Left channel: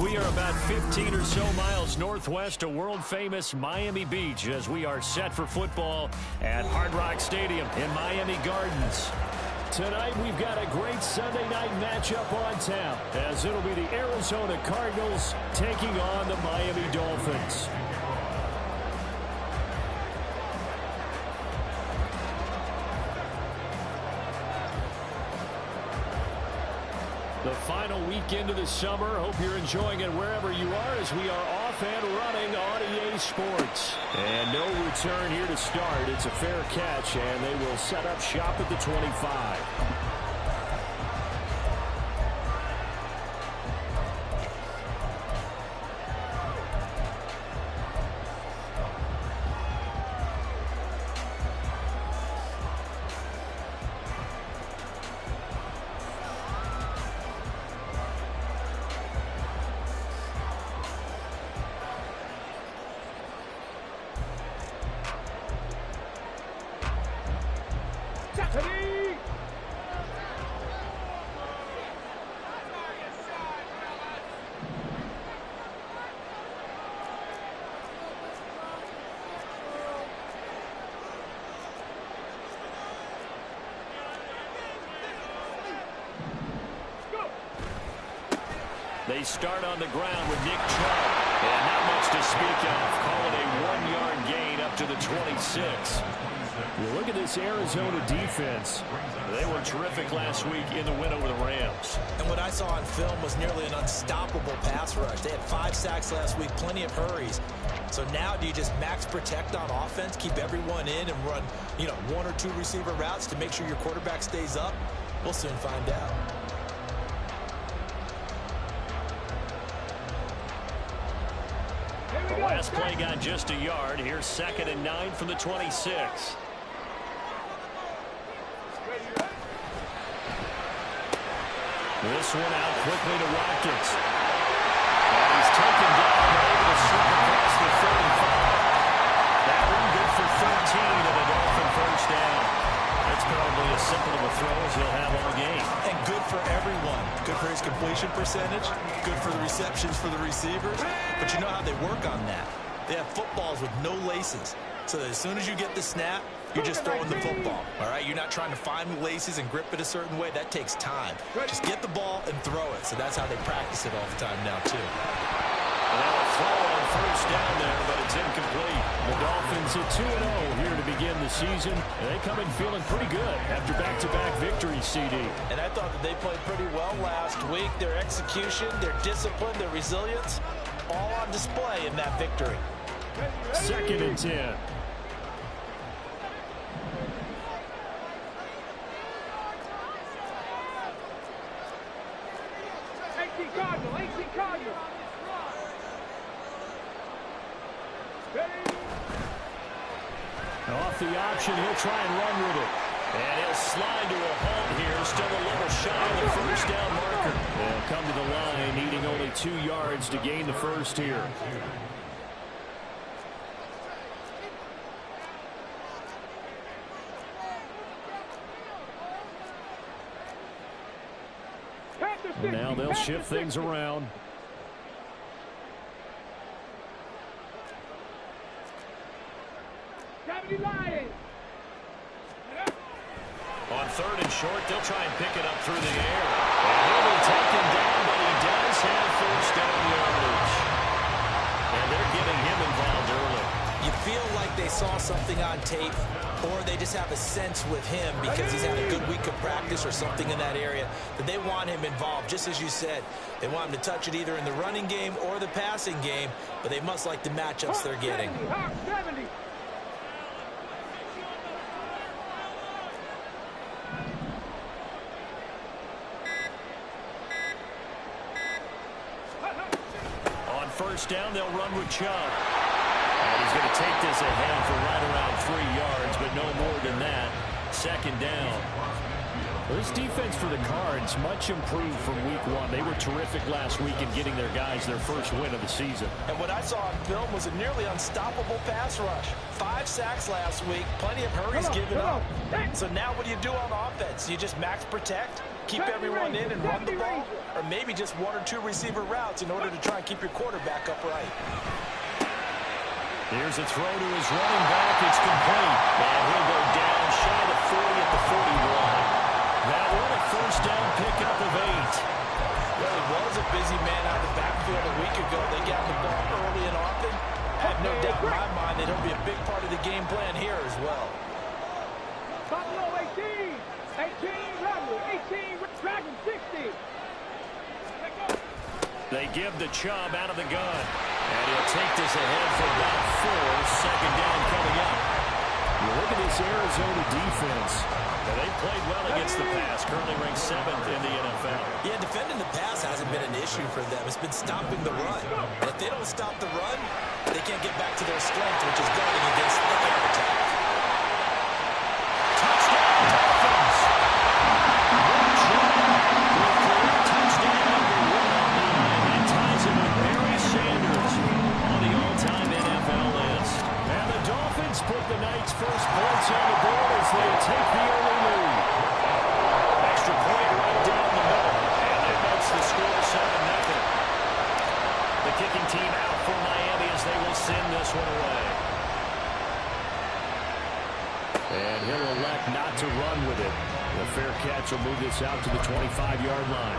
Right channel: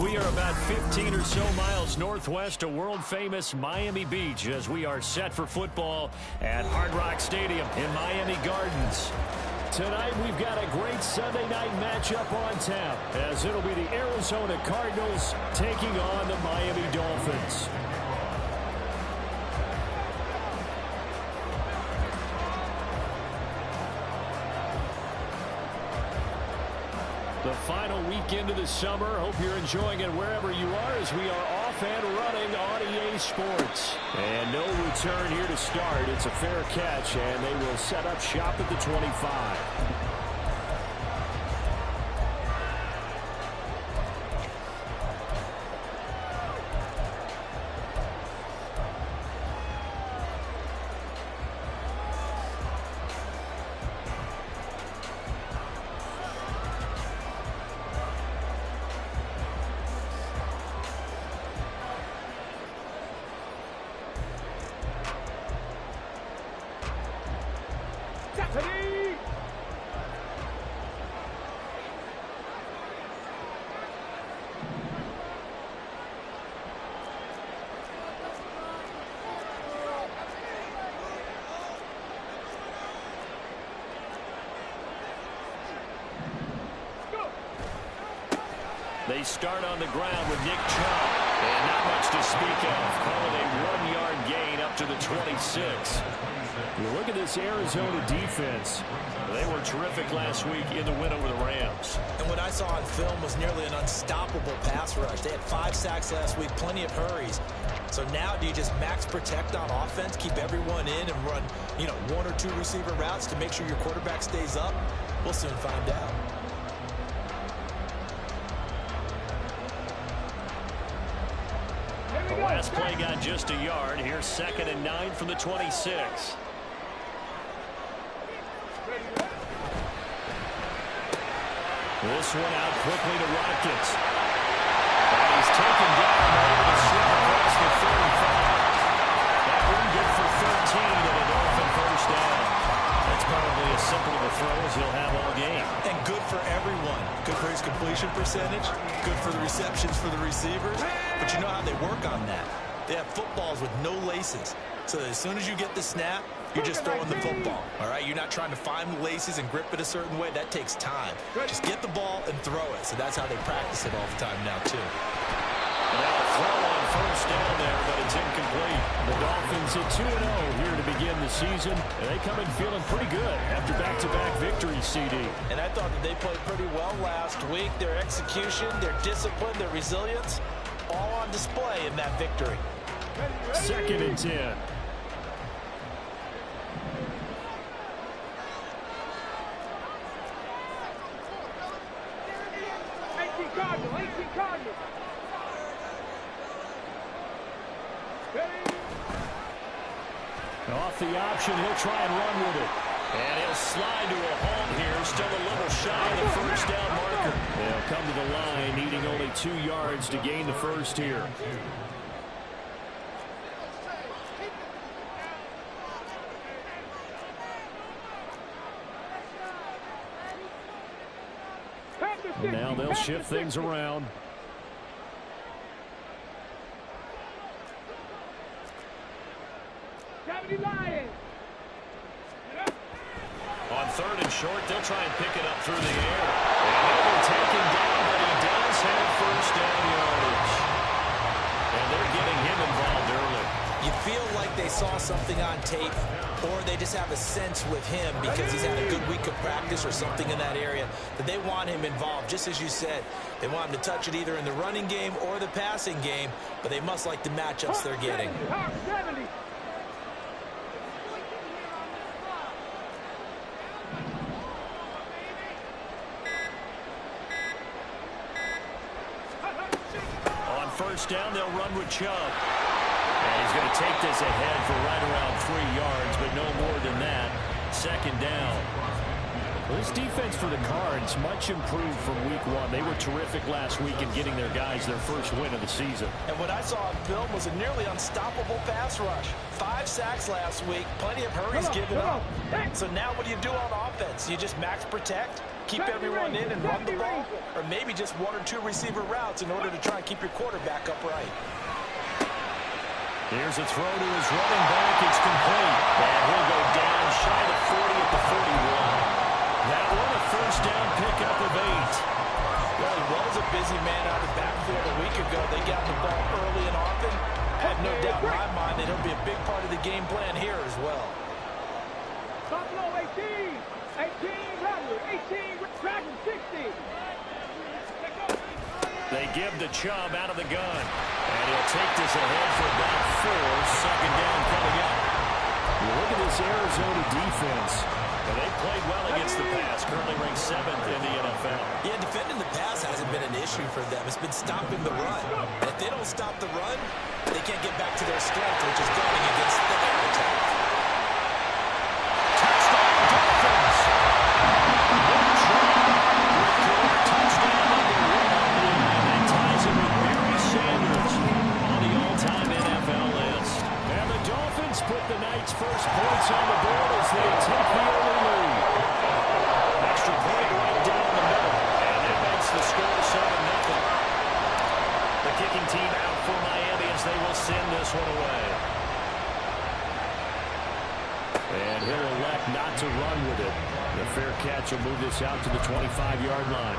We are about 15 or so miles northwest of world-famous Miami Beach as we are set for football at Hard Rock Stadium in Miami Gardens. Tonight, we've got a great Sunday night matchup on tap as it'll be the Arizona Cardinals taking on the Miami Dolphins. The final weekend of the summer. Hope you're enjoying it wherever you are as we are off and running on EA Sports. And no return here to start. It's a fair catch, and they will set up shop at the 25. They start on the ground with Nick Chubb. And not much to speak of. Call it a 1-yard gain up to the 26. You look at this Arizona defense. They were terrific last week in the win over the Rams. And what I saw on film was nearly an unstoppable pass rush. They had 5 sacks last week, plenty of hurries. So now do you just max protect on offense, keep everyone in, and run, 1 or 2 receiver routes to make sure your quarterback stays up? We'll soon find out. The last play got just a yard. Here's 2nd and 9 from the 26. This one out quickly to Watkins. And he's taken down, able to slip across the 35. That one good for 13 and a Dolphin first down. That's probably as simple of a throw as he'll have all game. And good for everyone. Good for his completion percentage. Good for the receptions for the receivers. But you know how they work on that. They have footballs with no laces. So that as soon as you get the snap, you're just throwing the football. All right? You're not trying to find the laces and grip it a certain way. That takes time. Just get the ball and throw it. So that's how they practice it all the time now, too. And now a throw on first down there, but it's incomplete. The Dolphins at 2-0 here to begin the season. And they come in feeling pretty good after back-to-back victories, CD. And I thought that they played pretty well last week. Their execution, their discipline, their resilience, all on display in that victory. 2nd and 10. Cardinal. Off the option, he'll try and run with it. And he'll slide to a halt here, still a little shy of the first down marker. They'll come to the line, needing only 2 yards to gain the first here. And now they'll shift things around. On 3rd and short, they'll try and pick it up through the air. And he'll be taken down, but he does have first down yardage. And they're getting him involved early. You feel like they saw something on tape, or they just have a sense with him because he's had a good week of practice or something in that area that they want him involved. Just as you said, they want him to touch it either in the running game or the passing game, but they must like the matchups they're getting. On first down, they'll run with Chubb. And he's going to take this ahead for right around 3 yards, but no more than that. Second down. Well, this defense for the Cards much improved from week 1. They were terrific last week in getting their guys their first win of the season. And what I saw on film was a nearly unstoppable pass rush. 5 sacks last week, plenty of hurries given up. So now what do you do on offense? You just max protect, keep everyone in and run the ball, or maybe just 1 or 2 receiver routes in order to try and keep your quarterback upright. Here's a throw to his running back. It's complete. And he'll go down shy of the 40 at the 41. That one a first down pickup of 8. Well, he was a busy man out of the backfield a week ago. They got the ball early and often. I have no doubt in my mind that he'll be a big part of the game plan here as well. Buffalo 18, 18 Rattler, 18 Dragon 60. They give the Chubb out of the gun. And he'll take this ahead for about 4. Second down coming up. You look at this Arizona defense. They played well against the pass, currently ranked 7th in the NFL. Yeah, defending the pass hasn't been an issue for them. It's been stopping the run. And if they don't stop the run, they can't get back to their strength, which is guarding against the air attack. Touchdown, Dolphins! Good job with career touchdown number 1 on the line. That ties him with Barry Sanders on the all-time NFL list. And the Dolphins put the Knights' first points on the board as they take the early lead. Extra point right down the middle, and it makes the score 7-0. The kicking team out for Miami as they will send this one away. And he'll elect not to run with it. The fair catch will move this out to the 25-yard line.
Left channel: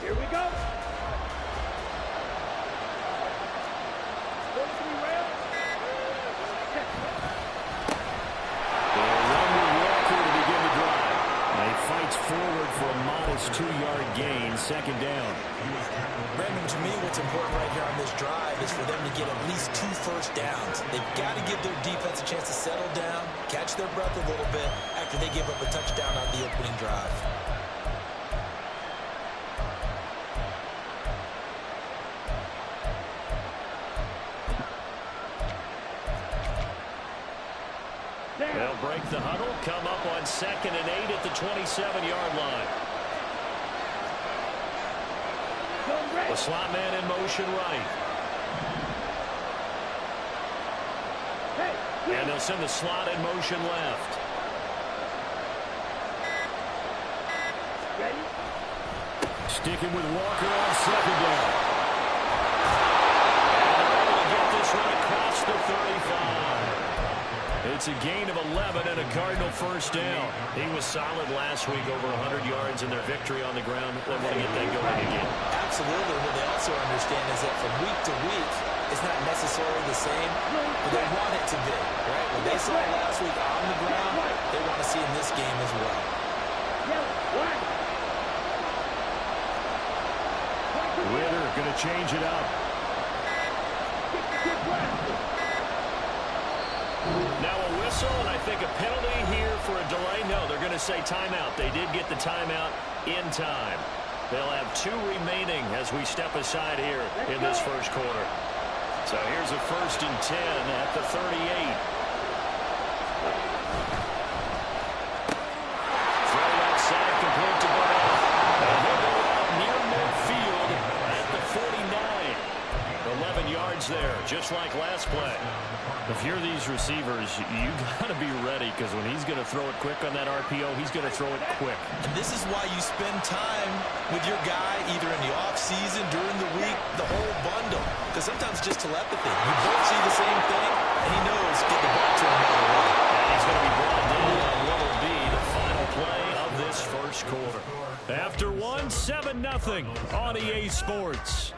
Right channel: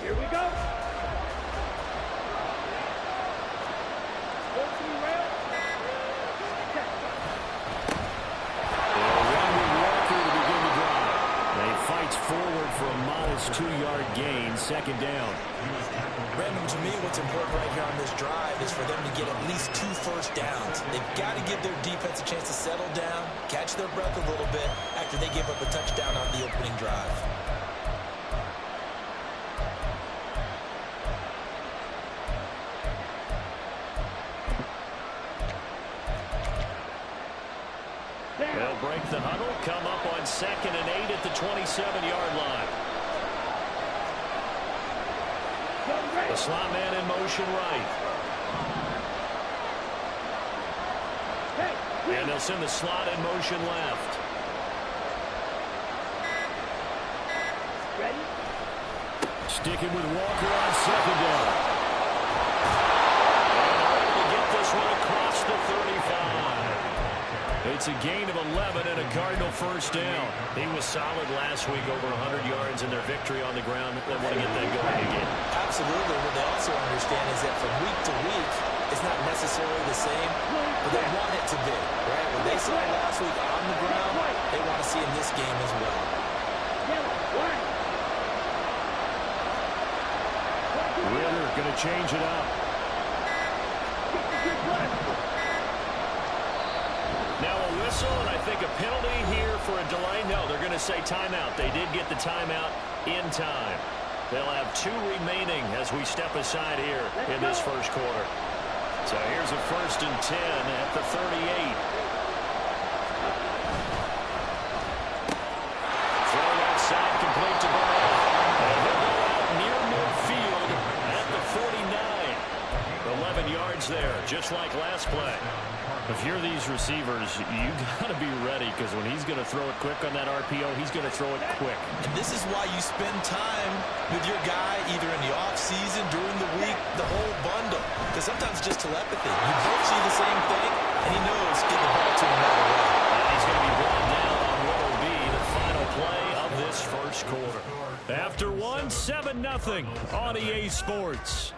Here we go. Go to the rail. They'll run with Walker to begin the drive. And he fights forward for a modest 2-yard gain, second down. Brandon, to me, what's important right here on this drive is for them to get at least 2 first downs. They've got to give their defense a chance to settle down, catch their breath a little bit after they give up a touchdown on the opening drive. They'll break the huddle, come up on 2nd and 8 at the 27-yard line. The slot man in motion right. And they'll send the slot in motion left. Ready? Sticking with Walker on 2nd down. And they're able to get this one across the 35. It's a gain of 11 and a Cardinal first down. He was solid last week, over 100 yards in their victory on the ground. They want to get that going again. Absolutely. What they also understand is that from week to week, it's not necessarily the same, but they want it to be, right? What they saw last week on the ground, they want to see in this game as well. Ritter going to change it up. Now a whistle, and I think a penalty here for a delay. No, they're going to say timeout. They did get the timeout in time. They'll have 2 remaining as we step aside here in this first quarter. So here's a 1st and 10 at the 38. Throw outside, complete to Burnett. And he'll go out near midfield at the 49. 11 yards there, just like last play. If you're these receivers, you got to be ready, because when he's going to throw it quick on that RPO, he's going to throw it quick. And this is why you spend time with your guy either in the offseason, during the week, the whole bundle. Because sometimes it's just telepathy. You both see the same thing, and he knows get the ball to him right away. And he's going to be brought down on what will be the final play of this this first quarter. After one, 7-0 on EA Sports.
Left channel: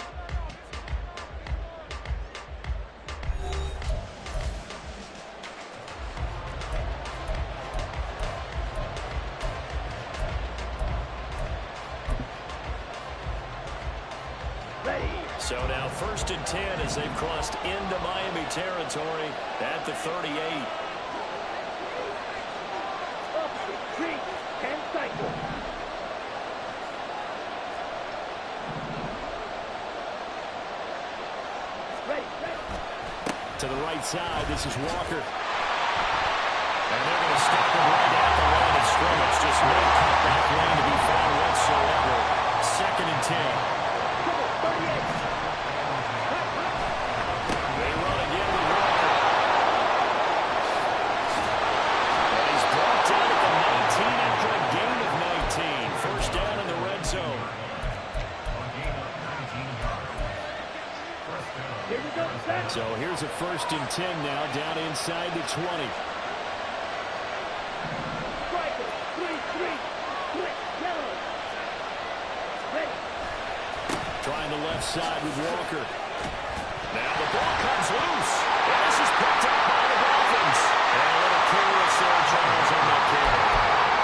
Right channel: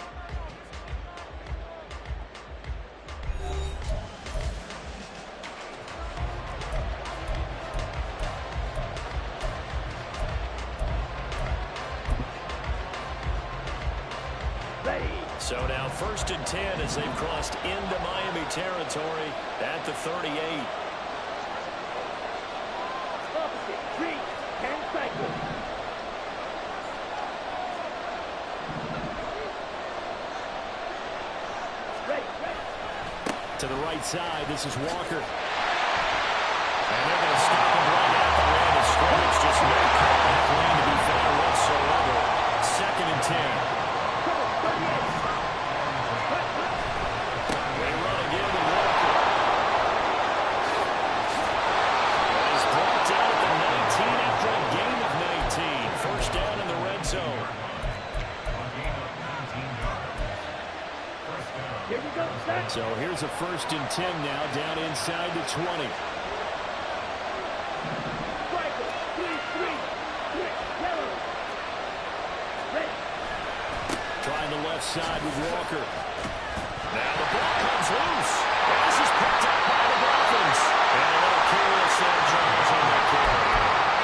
So now 1st and 10 as they've crossed into Miami territory at the 38. Opposite, 3, 10 cycles. Ready. To the right side, this is Walker. And they're going to stop him right at the line of scrimmage. Just no cutback lane to be found whatsoever. 2nd and 10. Come on, 38. They run again with Walker. And he's brought down at the 19 after a gain of 19. First down in the red zone. Here we go, set. So here's a 1st and 10 now, down inside the 20. Striker, 3, split, yellow. Ready. Trying the left side with Walker. Now the ball comes loose. And this is picked up by the Dolphins. And a little careless there, Charles, on that carry.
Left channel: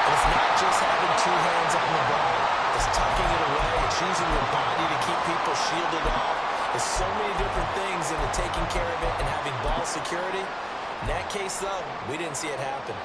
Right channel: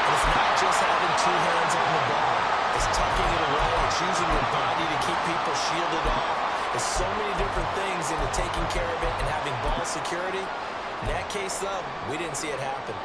It's not just having two hands on the ball. It's tucking it away. It's using your body to keep people shielded off. There's so many different things into taking care of it and having ball security. In that case, though, we didn't see it happen.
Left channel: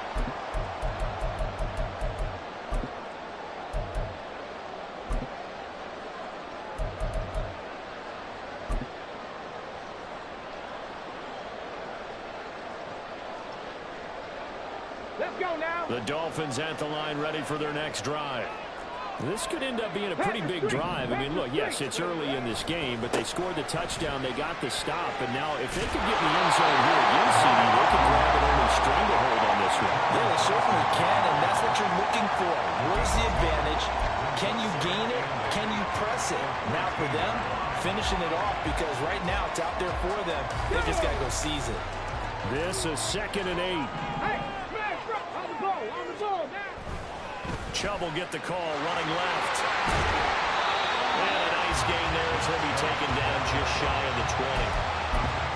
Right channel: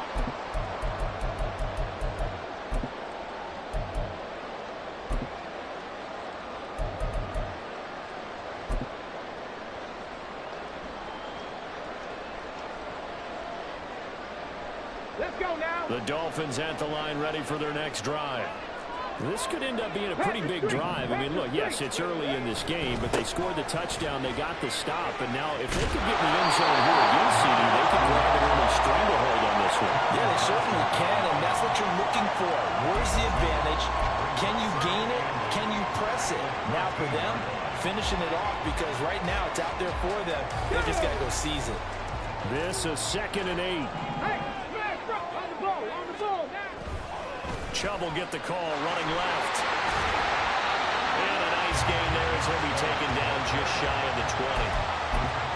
Let's go now. The Dolphins at the line ready for their next drive. This could end up being a pretty big drive. I mean, look, yes, it's early in this game, but they scored the touchdown. They got the stop. And now if they could get in the end zone here again, CD, they could grab an early stranglehold on this one. Yeah, they certainly can, and that's what you're looking for. Where's the advantage? Can you gain it? Can you press it? Now for them, finishing it off, because right now it's out there for them. They just got to go seize it. This is 2nd and 8. Hey, smash on the ball now. Chubb will get the call, running left. And a nice gain there as he'll be taken down just shy of the 20.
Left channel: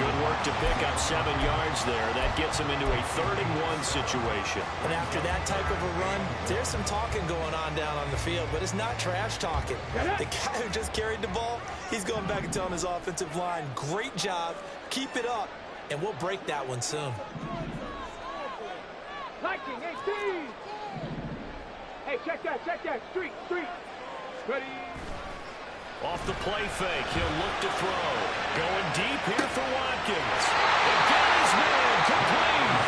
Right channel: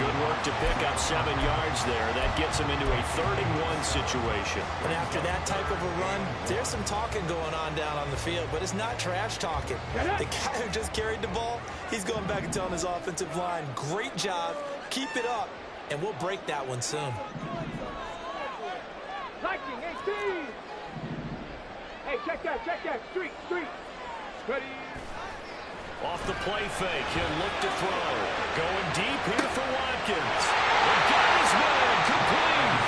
Good work to pick up 7 yards there. That gets him into a 3rd and 1 situation. And after that type of a run, there's some talking going on down on the field, but it's not trash talking. The guy who just carried the ball, he's going back and telling his offensive line, great job, keep it up, and we'll break that one soon. Liking 18. Hey, check that. Street. Ready. Off the play fake, he'll look to throw. Going deep here for Watkins. They got his man complete.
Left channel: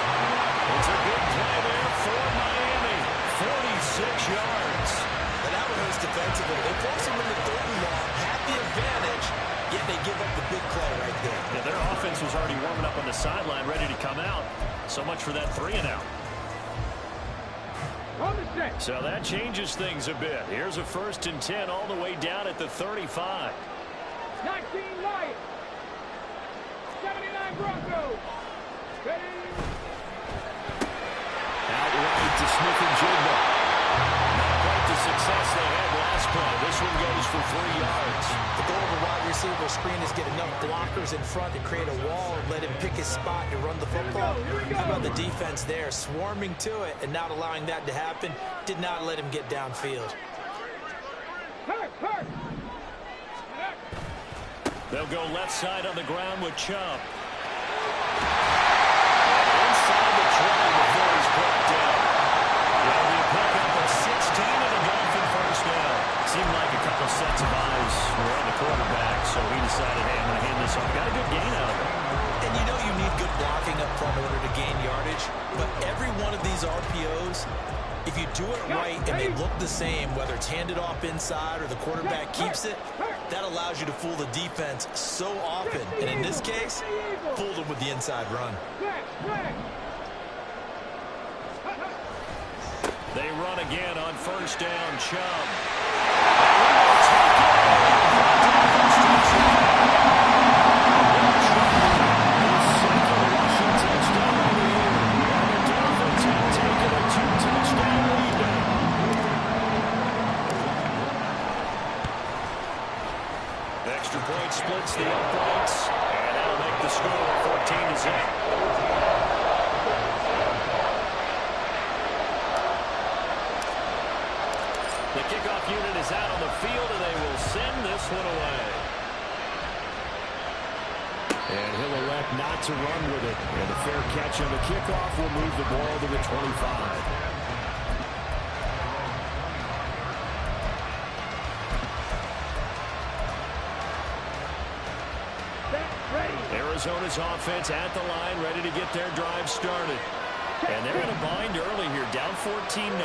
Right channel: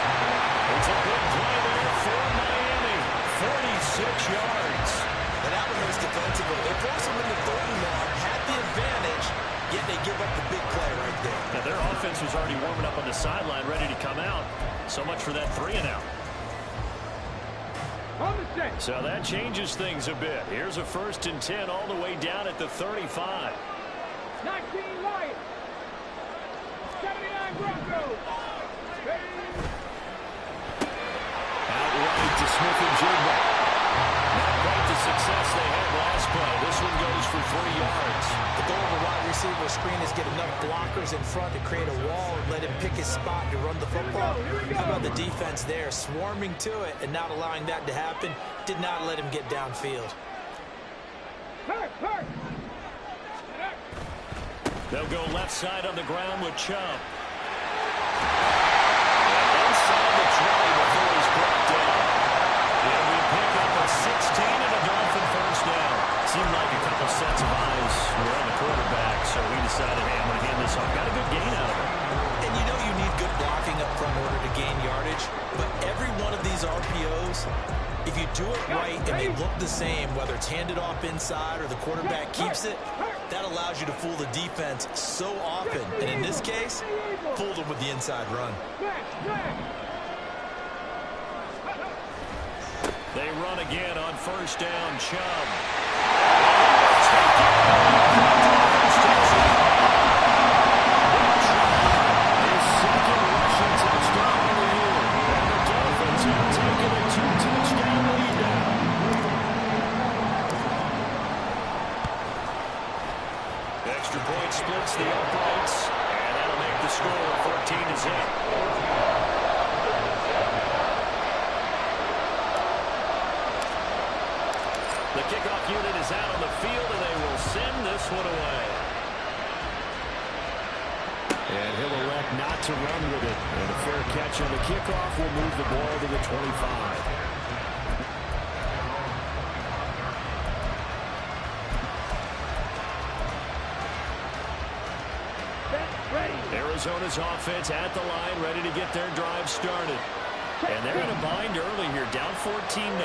It's a big play there for Miami. 46 yards. But that one hurts defensively. They force him into 3rd and long, had the advantage, yet they give up the big play right there. Yeah, their offense was already warming up on the sideline, ready to come out. So much for that 3 and out. So that changes things a bit. Here's a 1st and 10 all the way down at the 35. 19 Lions. 79 Broncos. Ready. Outright to Smith-Njigba. Not quite the success they had last play. This one goes for 3 yards. The goal of a wide receiver screen is get enough blockers in front to create a wall and let him pick his spot to run the football. How about the defense there, swarming to it and not allowing that to happen? Did not let him get downfield. Hurt. They'll go left side on the ground with Chubb. And inside the 20 before he's brought down. It'll be a pickup of 16 and a Dolphin first down. Seemed like a couple sets of eyes were on the quarterback, so he decided, hey, I'm going to hand this off. Got a good gain out of it. And you know you need good blocking up front in order to gain yardage, but every one of these RPOs, if you do it right and they look the same, whether it's handed off inside or the quarterback keeps it, that allows you to fool the defense so often. And in this case, fooled them with the inside run. They run again on first down, Chubb. And he will take it. First touchdown. Chubb, his 2nd rushing touchdown of the year. And the Dolphins have taken a 2-touchdown lead now. extra-point splits the uprights, and that'll make the score 14-0. The kickoff unit is out on the field, and they will send this one away. And he'll elect not to run with it. And a fair catch on the kickoff will move the ball to the 25. Arizona's offense at the line, ready to get their drive started. And they're in a bind early here, down 14-0.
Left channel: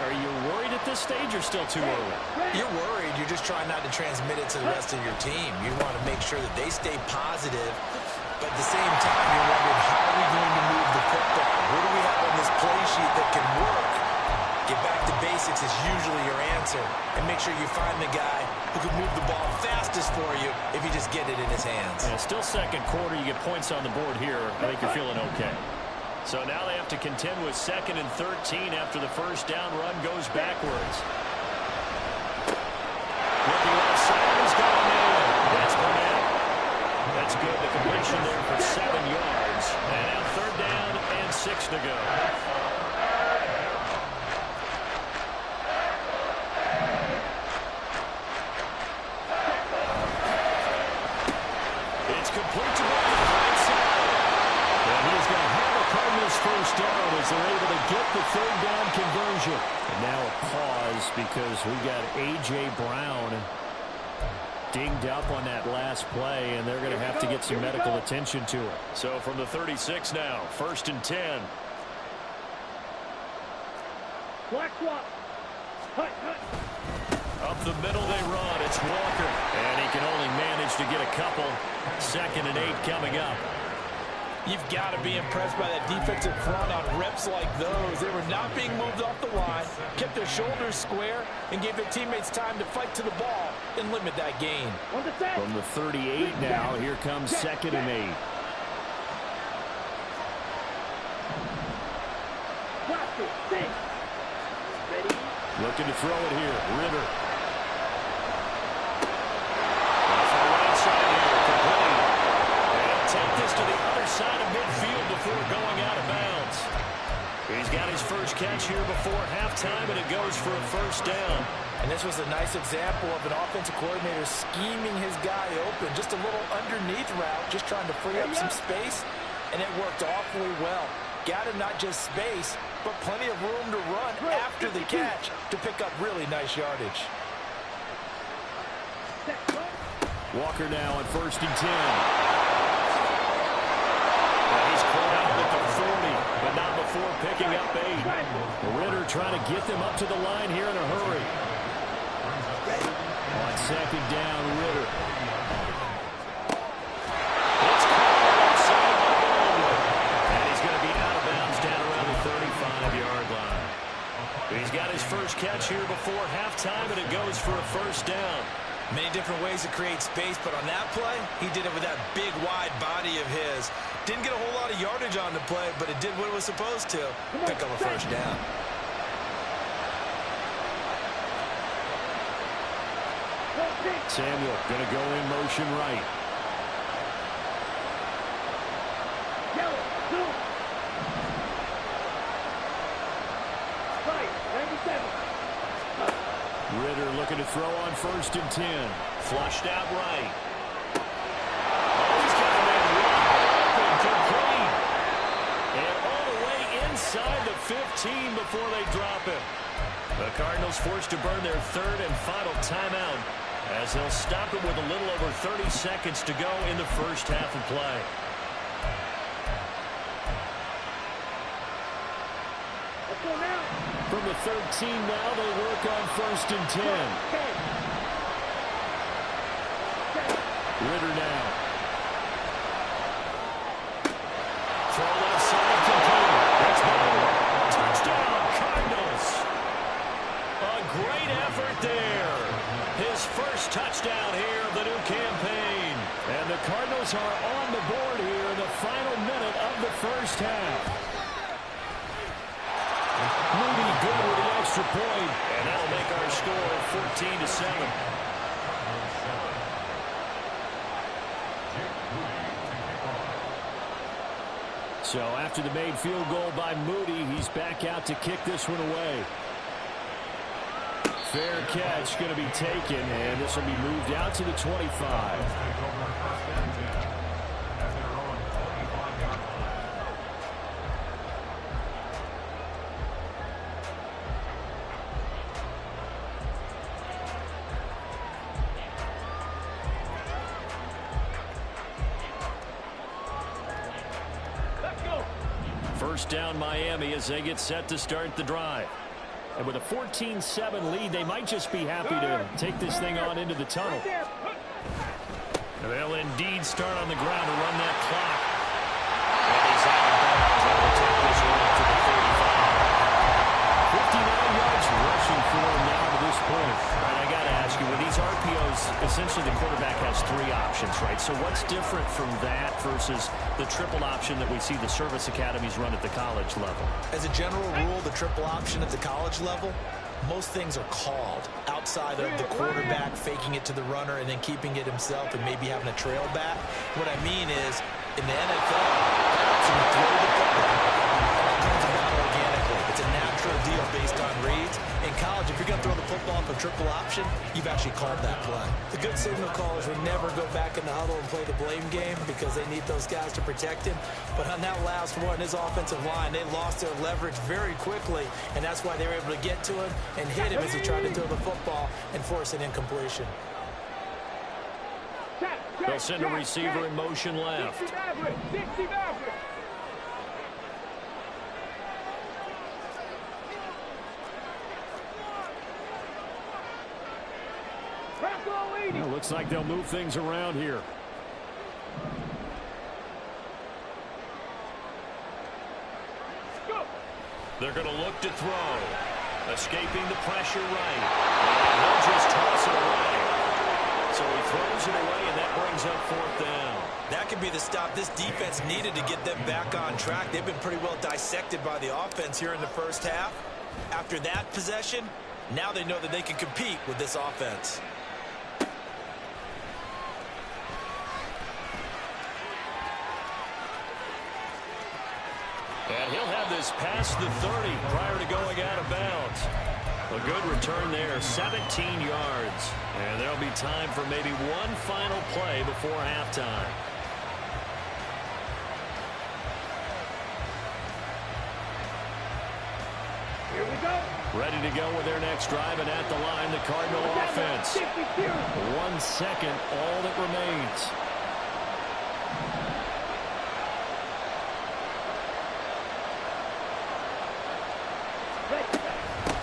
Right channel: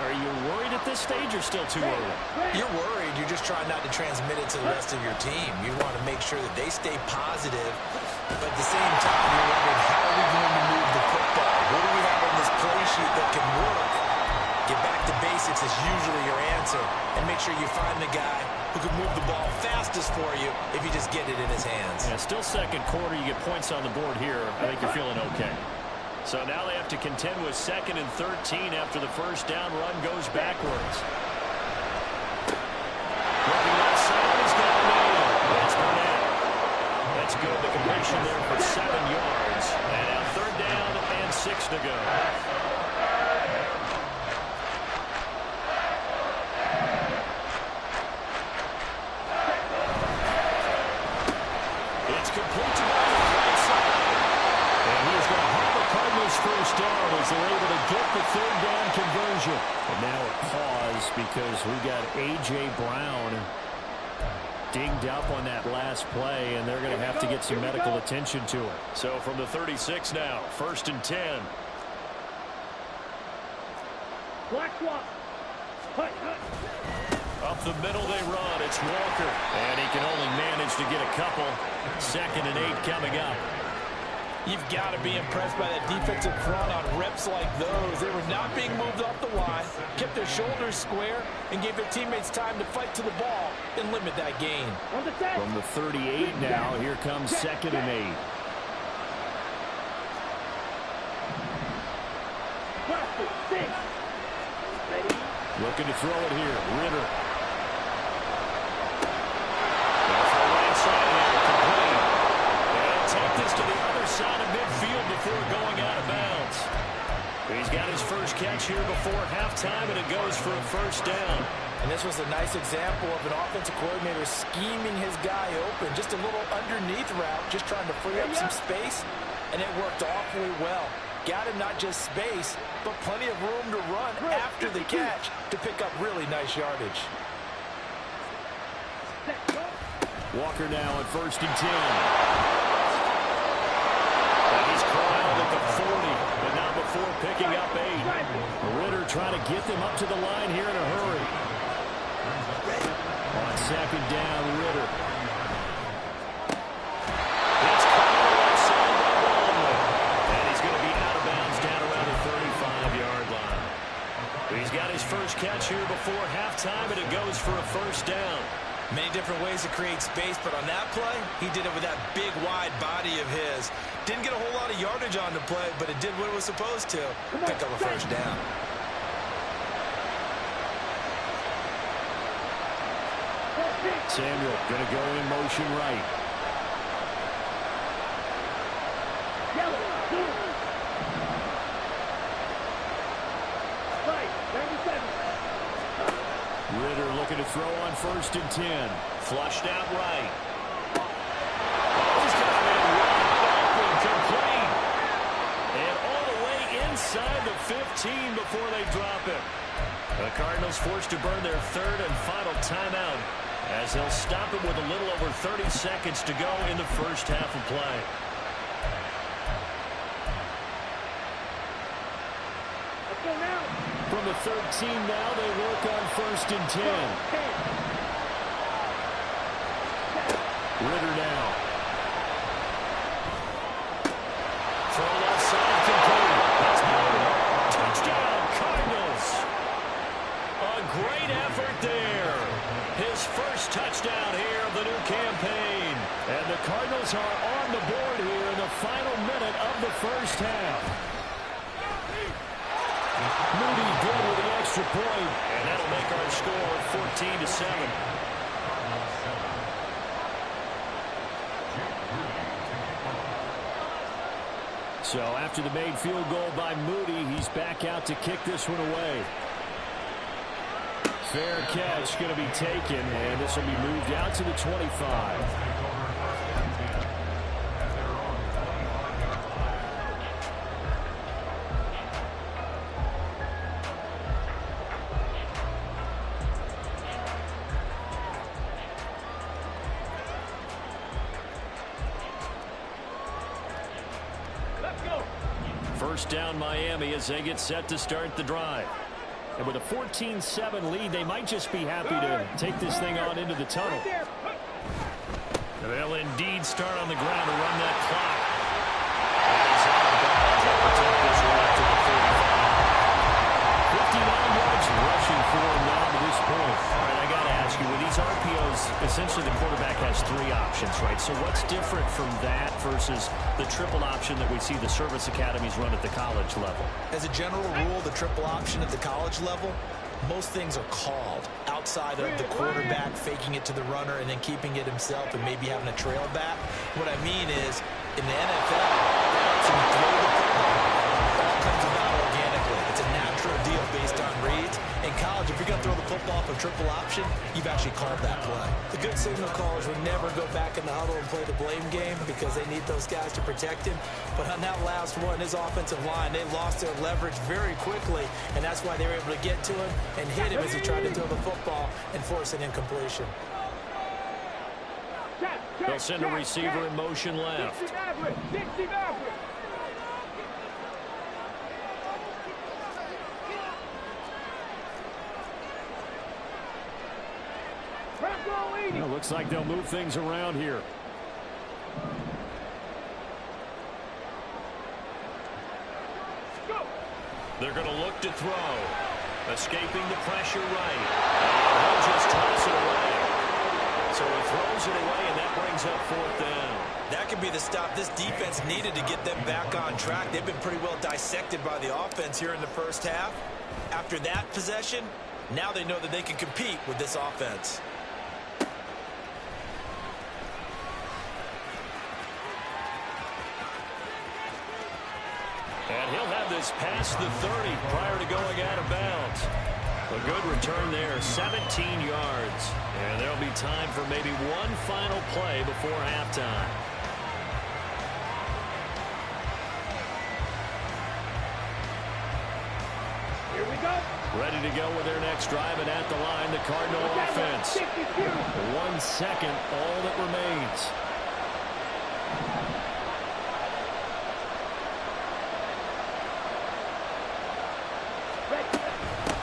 Are you worried at this stage or still too early? You're worried. You're just trying not to transmit it to the rest of your team. You want to make sure that they stay positive, but at the same time, you're wondering, how are we going to move the football? What do we have on this play sheet that can work? Get back to basics is usually your answer, and make sure you find the guy who can move the ball fastest for you if you just get it in his hands. Yeah, still second quarter. You get points on the board here. I think you're feeling okay. So now they have to contend with 2nd and 13 after the first down run goes backwards. Looking left side, he's got a man. That's Burnett. That's good. The completion there for 7 yards. And now 3rd down and 6 to go. It's complete to Burnett on the right side. And he is going to have a Cardinals first down as they're able to get the 3rd down conversion. And now a pause because we got A.J. Brown dinged up on that last play, and they're going to have to get some medical attention to it. So from the 36 now, 1st and 10. Black swap. Hut. Up the middle they run. It's Walker. And he can only manage to get a couple. 2nd and 8 coming up. You've got to be impressed by that defensive front on reps like those. They were not being moved off the line, kept their shoulders square, and gave their teammates time to fight to the ball and limit that gain. From the 38 now, here comes 2nd and 8. Ready? Looking to throw it here. Ritter. Off the right side here, complete. And take this to the other side of midfield before going out of bounds. He's got his first catch here before halftime, and it goes for a first down. And this was a nice example of an offensive coordinator scheming his guy open. Just a little underneath route, just trying to free up some space, and it worked awfully well. Got him not just space, but plenty of room to run after the catch to pick up really nice yardage. Walker now at 1st and 10. And he's corralled at the 40, but not before picking up 8. Ritter trying to get them up to the line here in a hurry. On 2nd down, Ritter. It's caught on the left side by Baldwin. And he's going to be out of bounds down around the 35-yard line. He's got his first catch here before halftime, and it goes for a first down. Many different ways to create space, but on that play, he did it with that big, wide body of his. Didn't get a whole lot of yardage on the play, but it did what it was supposed to. Pick up a first down. Samuel going to go in motion right. Yellow, zoom. Right, 97. Ritter looking to throw on 1st and 10. Flushed out right. Oh, he's got a man wide open, complete. And all the way inside the 15 before they drop him. The Cardinals forced to burn their 3rd and final timeout as they'll stop it with a little over 30 seconds to go in the first half of play. Let's go now. From the 13 now, they work on 1st and 10. 10. Ritter now. Throw left side, complete. That's Baldwin. Touchdown, Cardinals. A great effort there. His first touchdown here of the new campaign. And the Cardinals are on the board here in the final minute of the first half. Moody good with the extra point, and that'll make our score 14-7. So after the made field goal by Moody, he's back out to kick this one away. Fair catch going to be taken, and this will be moved out to the 25. First down Miami as they get set to start the drive. And with a 14-7 lead, they might just be happy to take this thing on into the tunnel. And they'll indeed start on the ground to run that clock. And he's out of bounds. They'll protect this one up to the 35. 59 yards rushing for him now to this point. All right, I got to ask you, with these RPOs, essentially the quarterback has three options, right? So what's different from that versus the triple option that we see the service academies run at the college level? As a general rule, the triple option at the college level, most things are called outside of the quarterback faking it to the runner and then keeping it himself and maybe having a trail back. What I mean is, in the NFL, that option to throw the football all comes about organically. It's a natural deal based on reads. In college, if you're going to throw the football off a triple option, you've actually called that play. The good signal callers would never go back in the huddle and play the blame game because they need those guys to protect him. But on that last one, his offensive line, they lost their leverage very quickly, and that's why they were able to get to him and hit him as he tried to throw the football and force an incompletion. They'll send a receiver in motion left. 60 Maverick. Well, looks like they'll move things around here. Go. They're going to look to throw. Escaping the pressure right. And he'll just toss it away. So he throws it away, and that brings up fourth down. That could be the stop this defense needed to get them back on track. They've been pretty well dissected by the offense here in the first half. After that possession, now they know that they can compete with this offense. And he'll have this past the 30 prior to going out of bounds. A good return there, 17 yards. And there'll be time for maybe one final play before halftime. Here we go. Ready to go with their next drive, and at the line, the Cardinal offense. 1 second, all that remains.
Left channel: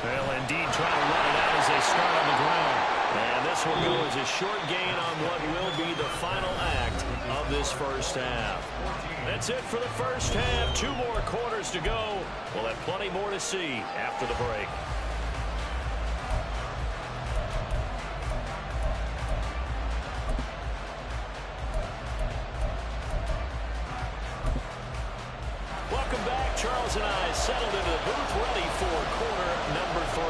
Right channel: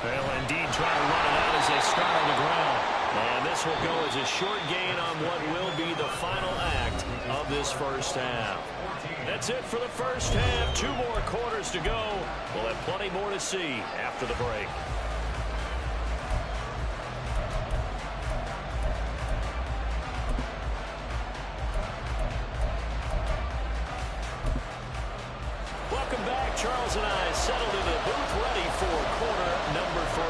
They'll indeed try to run it out as they start on the ground. And this will go as a short gain on what will be the final act of this first half. That's it for the first half. 2 more quarters to go. We'll have plenty more to see after the break. Welcome back. Charles and I settled into the booth, ready for quarter number 3.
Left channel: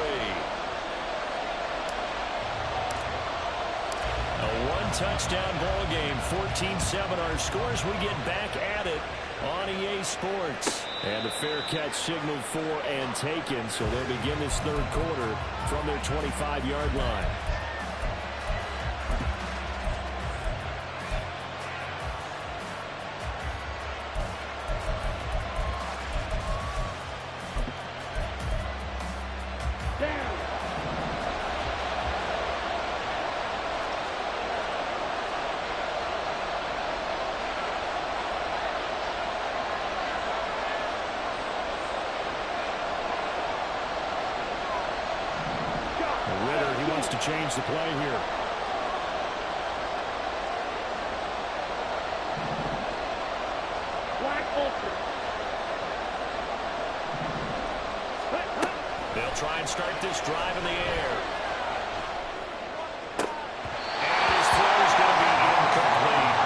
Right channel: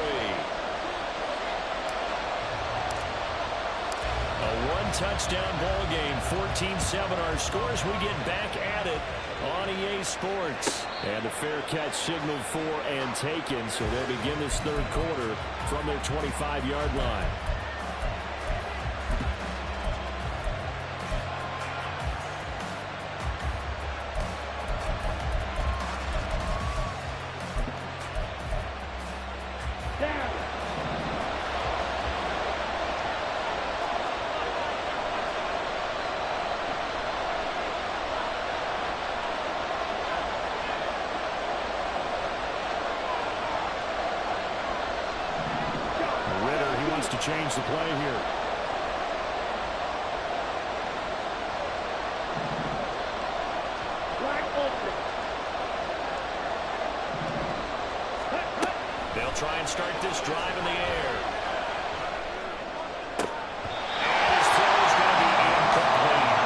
A one-touchdown ball game, 14-7 our scores. We get back at it on EA Sports. And the fair catch signaled for and taken, so they'll begin this third quarter from their 25-yard line. Ritter, he wants to change the play here. Black Ultra. They'll try and start this drive in the air. And his throw is going to be incomplete.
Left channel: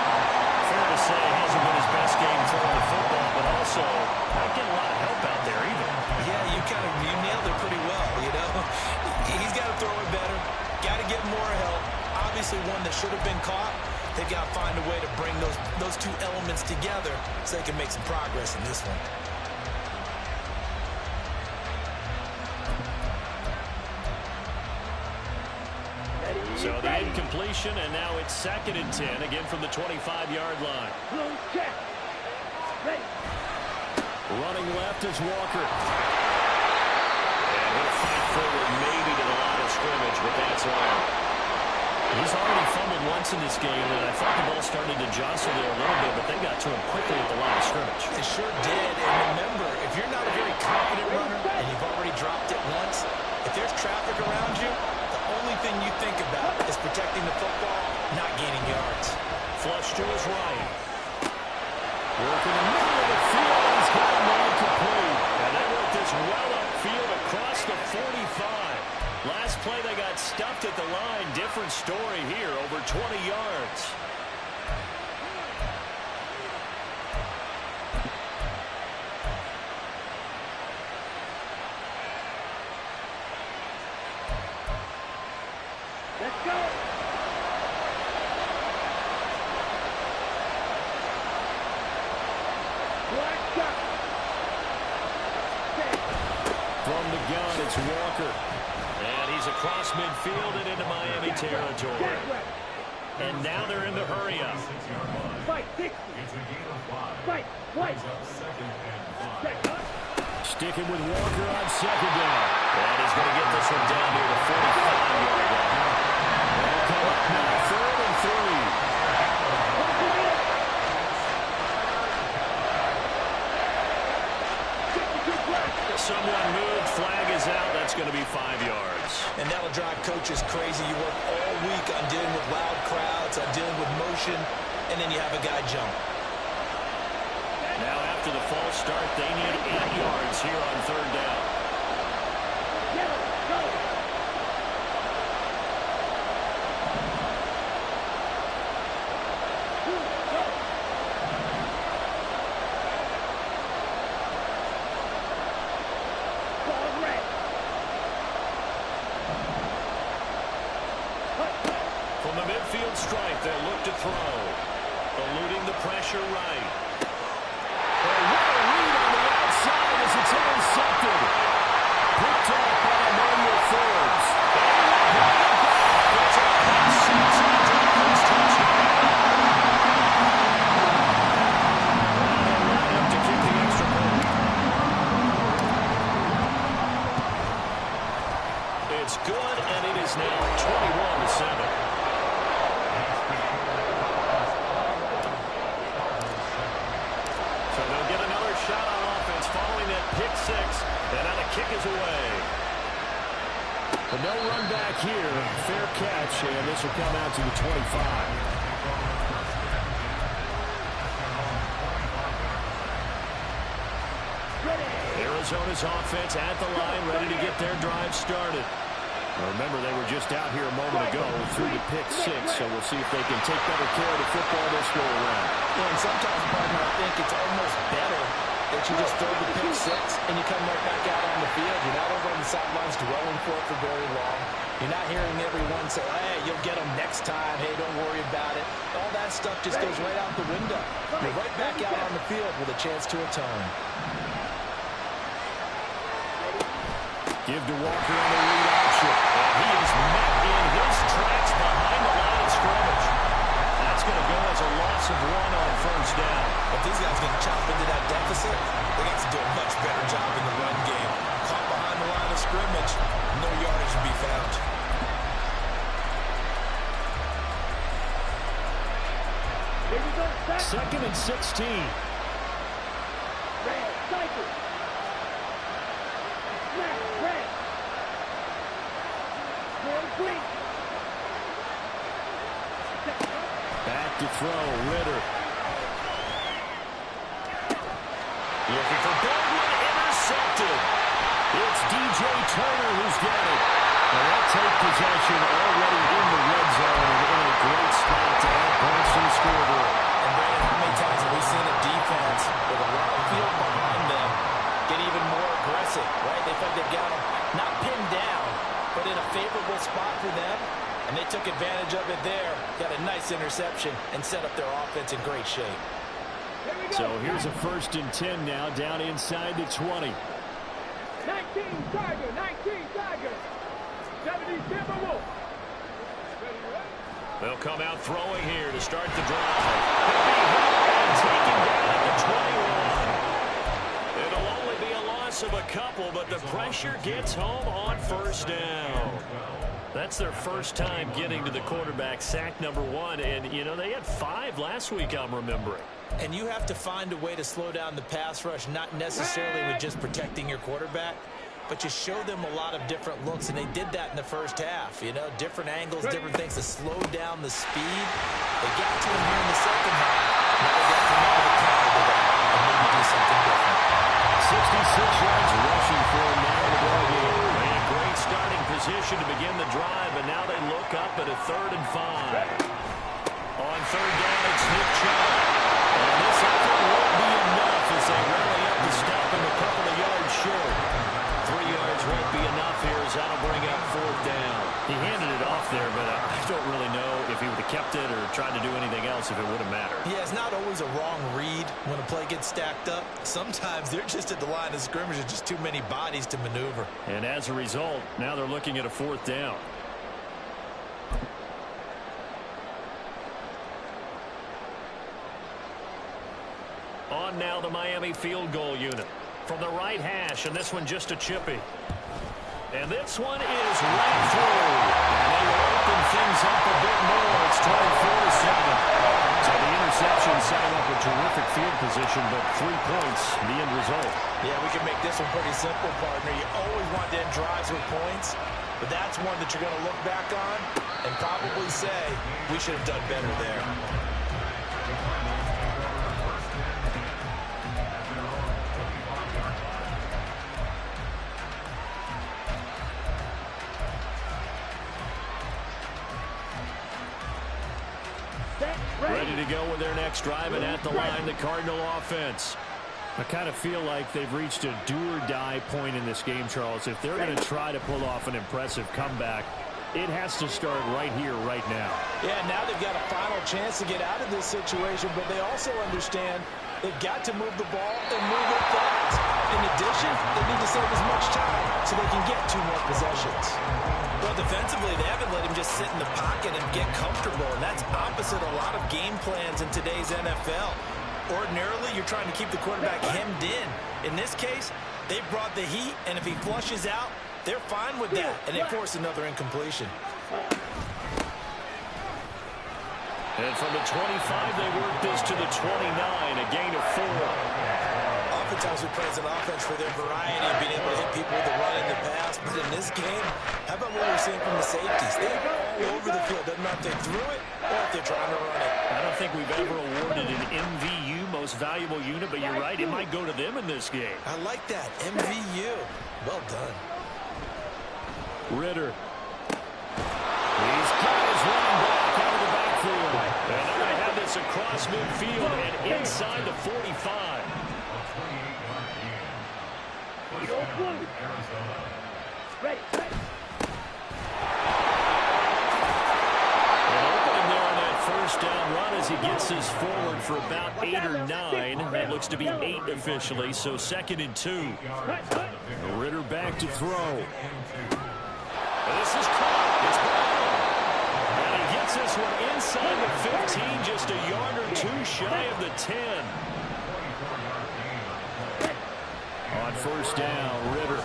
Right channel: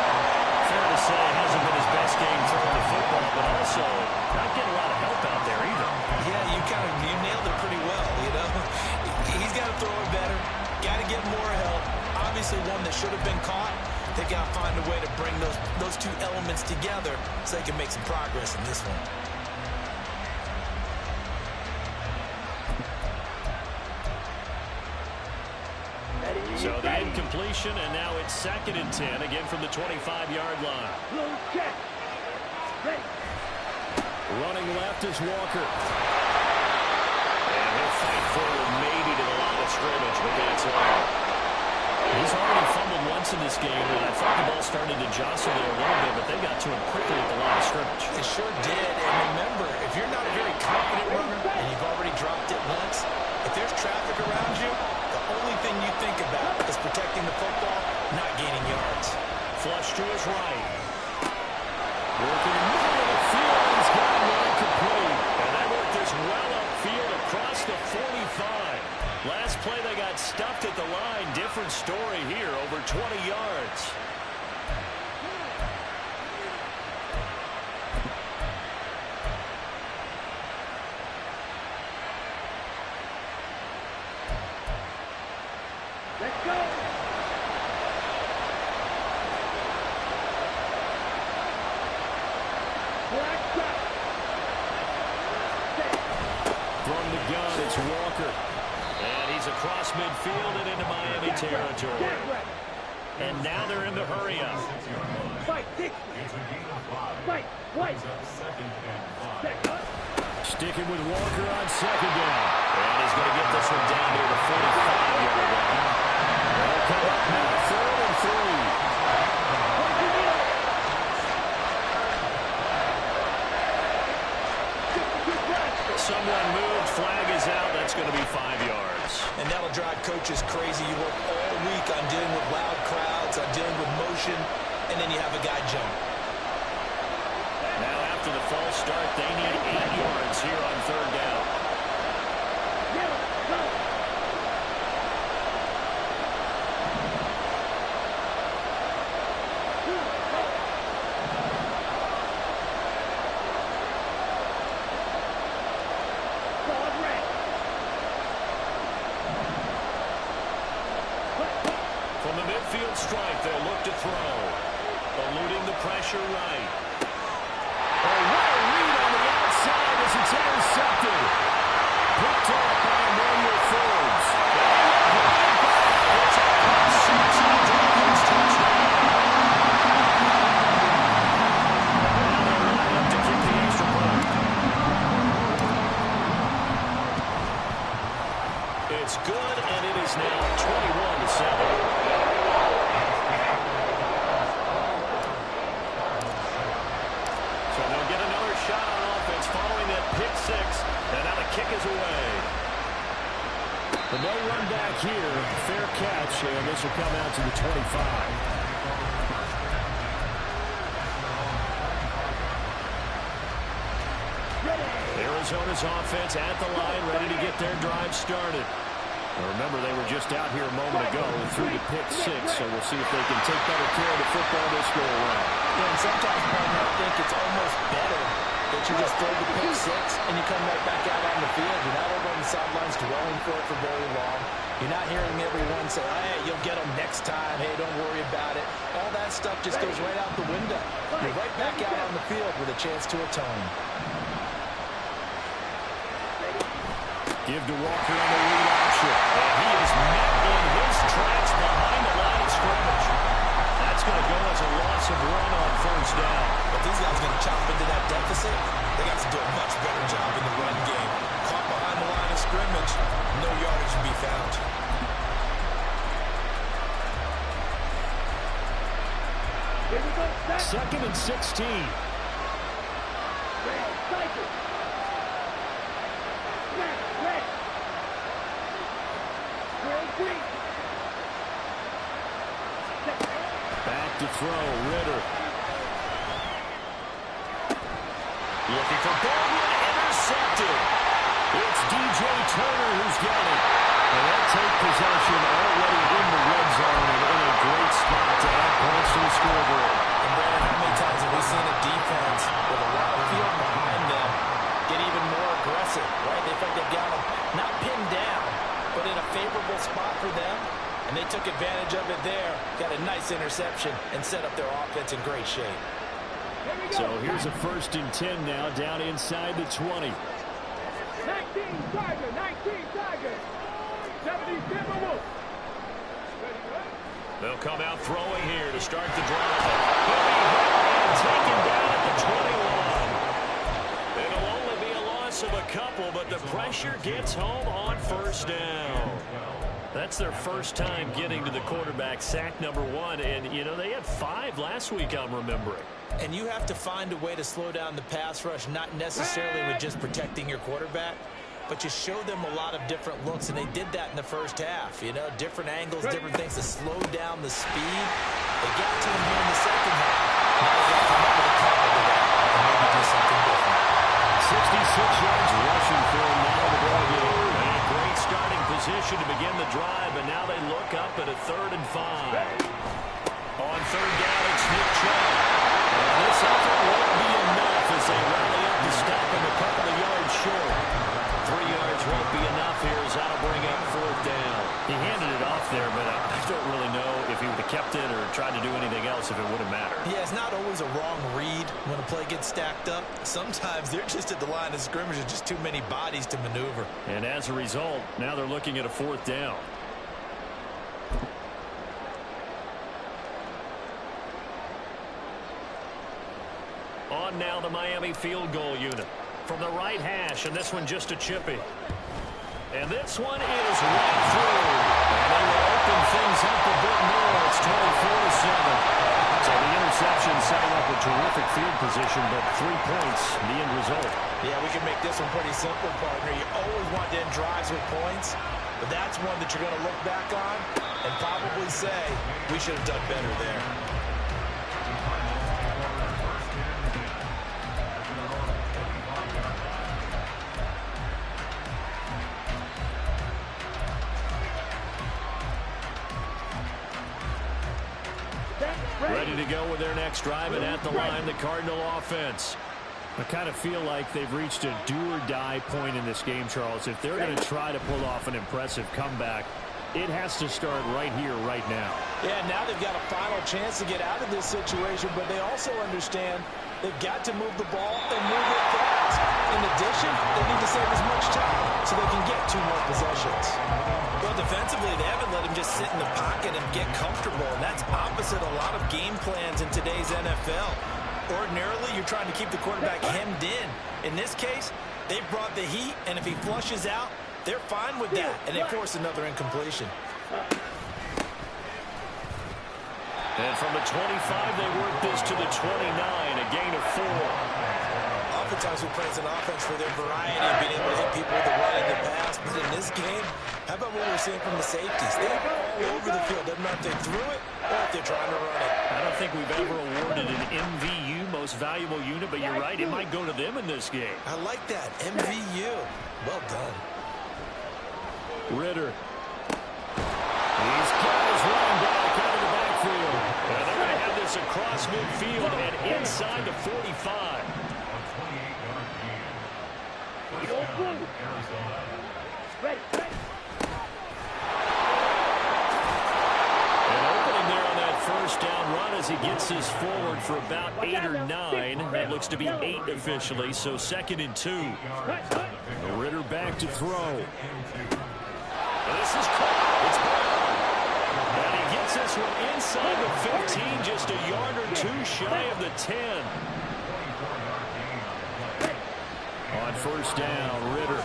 Fair to say, it hasn't been his best game throwing the football, but also not getting a lot of help out there either. Yeah, you nailed it pretty well, you know. He's got to throw it better. Got to get more help. Obviously one that should have been caught. They've got to find a way to bring those two elements together so they can make some progress in this one. So the incompletion, and now it's 2nd and 10, again from the 25-yard line. Blue check. Ready. Running left is Walker. And he'll fight forward maybe to the line of scrimmage, but that's all. He's already fumbled once in this game, and I thought the ball started to jostle there a little bit, but they got to him quickly at the line of scrimmage. They sure did, and remember, if you're not a very confident runner and you've already dropped it once, if there's traffic around you, the only thing you think about is protecting the football, not gaining yards. Flush to his right. Working in the middle of the field, and he's got him incomplete. And they worked this well upfield across the 45. Last play, they got stuffed at the line. Different story here, over 20 yards. Let's go. Black shot. From the gun, it's Walker. And he's across midfield and into Miami territory. And now they're in the hurry-up. Fight, 60. Fight, white. Sticking with Walker on 2nd down. And he's going to get this one down near the 45-yard line. They'll come up now, 3rd and 3. Someone moved, flag is out. That's going to be 5 yards. And that'll drive coaches crazy. You work all week on dealing with loud crowds, on dealing with motion, and then you have a guy jump. Now after the false start, they need 8 yards here on 3rd down. Yellow, go. From the midfield stripe, they'll look to throw. Eluding the pressure right. Oh, what a read on the outside as it's intercepted. Picked off by Emmanuel Forbes. And he will bring it back. It's a pick six on a Dolphins touchdown. Now they line up to kick the extra point. It's good, and it is now 21-7. So they'll get another shot on offense following that pick six, and now the kick is away. But no run back here. Fair catch, and this will come out to the 25. Arizona's offense at the line, ready to get their drive started. Now remember, they were just out here a moment ago through the pick six, so we'll see if they can take better care of the football this go around. Yeah, and sometimes, partner, I think it's almost better that you just throw the pick six and you come right back out on the field. You're not over on the sidelines dwelling for it for very long. You're not hearing everyone say, hey, you'll get them next time. Hey, don't worry about it. All that stuff just goes right out the window. You're right back out on the field with a chance to atone. Give to Walker on the read option. And he is met in his tracks behind the line of scrimmage. That's going to go as a loss of 1 on 1st down. But these guys are going to chop into that deficit. They got to do a much better job in the run game. Caught behind the line of scrimmage, no yardage to be found. Here we go. 2nd and 16. Red, cycle. Red, red. Green. Back to throw, Ritter. Looking for Baldwin, intercepted. It's DJ Turner who's got it. And they'll take possession already in the red zone and in a great spot to add points to the scoreboard. And Brandon, how many times have we seen a defense with a lot of field behind them get even more aggressive, right? They feel like they've got them not pinned down, but in a favorable spot for them. And they took advantage of it there. Got a nice interception and set up their offense in great shape. So here's a 1st and 10 now, down inside the 20. 19 Tiger, 19 Tiger. 70 Timberwolves. They'll come out throwing here to start the drive. He'll be hit and taken down at the 21. It'll only be a loss of a couple, but the pressure gets home on 1st down. That's their first time getting to the quarterback, sack number 1. And, you know, they had 5 last week, I'm remembering. And you have to find a way to slow down the pass rush, not necessarily with just protecting your quarterback, but you show them a lot of different looks, and they did that in the first half. You know, different angles, different things to slow down the speed. They got to him here in the second half. Now they've got to come up with a counter to that and maybe do something different. 66 yards rushing for him now in the ball game. A great starting position to begin the drive, but now they look up at a 3rd and 5. On 3rd down, it's Nick Chubb. And this effort won't be enough as they rally up to stop him a couple of yards short. 3 yards won't be enough here as that'll bring up 4th down. He handed it off there, but I don't really know if he would have kept it or tried to do anything else if it would have mattered. Yeah, it's not always a wrong read when a play gets stacked up. Sometimes they're just at the line of scrimmage and just too many bodies to maneuver. And as a result, now they're looking at a 4th down. On now the Miami field goal unit. From the right hash, and this one just a chippy. And this one is right through. And they will open things up a bit more. It's 24-7. So the interception setting up a terrific field position, but 3 points, the end result. Yeah, we can make this one pretty simple, partner. You always want to end drives with points, but that's one that you're going to look back on and probably say, we should have done better there. Ready to go with their next drive, and at the line, the Cardinal offense. I kind of feel like they've reached a do-or-die point in this game, Charles. If they're going to try to pull off an impressive comeback, it has to start right here, right now. Yeah, now they've got a final chance to get out of this situation, but they also understand they've got to move the ball and move it fast. In addition, they need to save as much time so they can get 2 more possessions. Well, defensively, they haven't let him just sit in the pocket and get comfortable, and that's opposite a lot of game plans in today's NFL. Ordinarily, you're trying to keep the quarterback hemmed in. In this case, they've brought the heat, and if he flushes out, they're fine with that, and they force another incompletion. And from the 25, they work this to the 29, a gain of 4. Oftentimes we praise an offense for their variety of being able to hit people with the run and the pass, but in this game, how about what we're seeing from the safeties? They're all over the field. Doesn't matter if they threw it or if they're trying to run it. I don't think we've ever awarded an MVU, most valuable unit, but you're right, it might go to them in this game. I like that, MVU. Well done. Ritter. He's got his running back out of the backfield. And they're going to have this across midfield and inside the 45. An opening there on that 1st down run as he gets this forward for about 8 or 9. That looks to be 8 officially, so 2nd and 2. Ritter back to throw. And this is caught. It's Brown. And he gets this one inside the 15, just a yard or 2 shy of the 10. On 1st down, Ritter.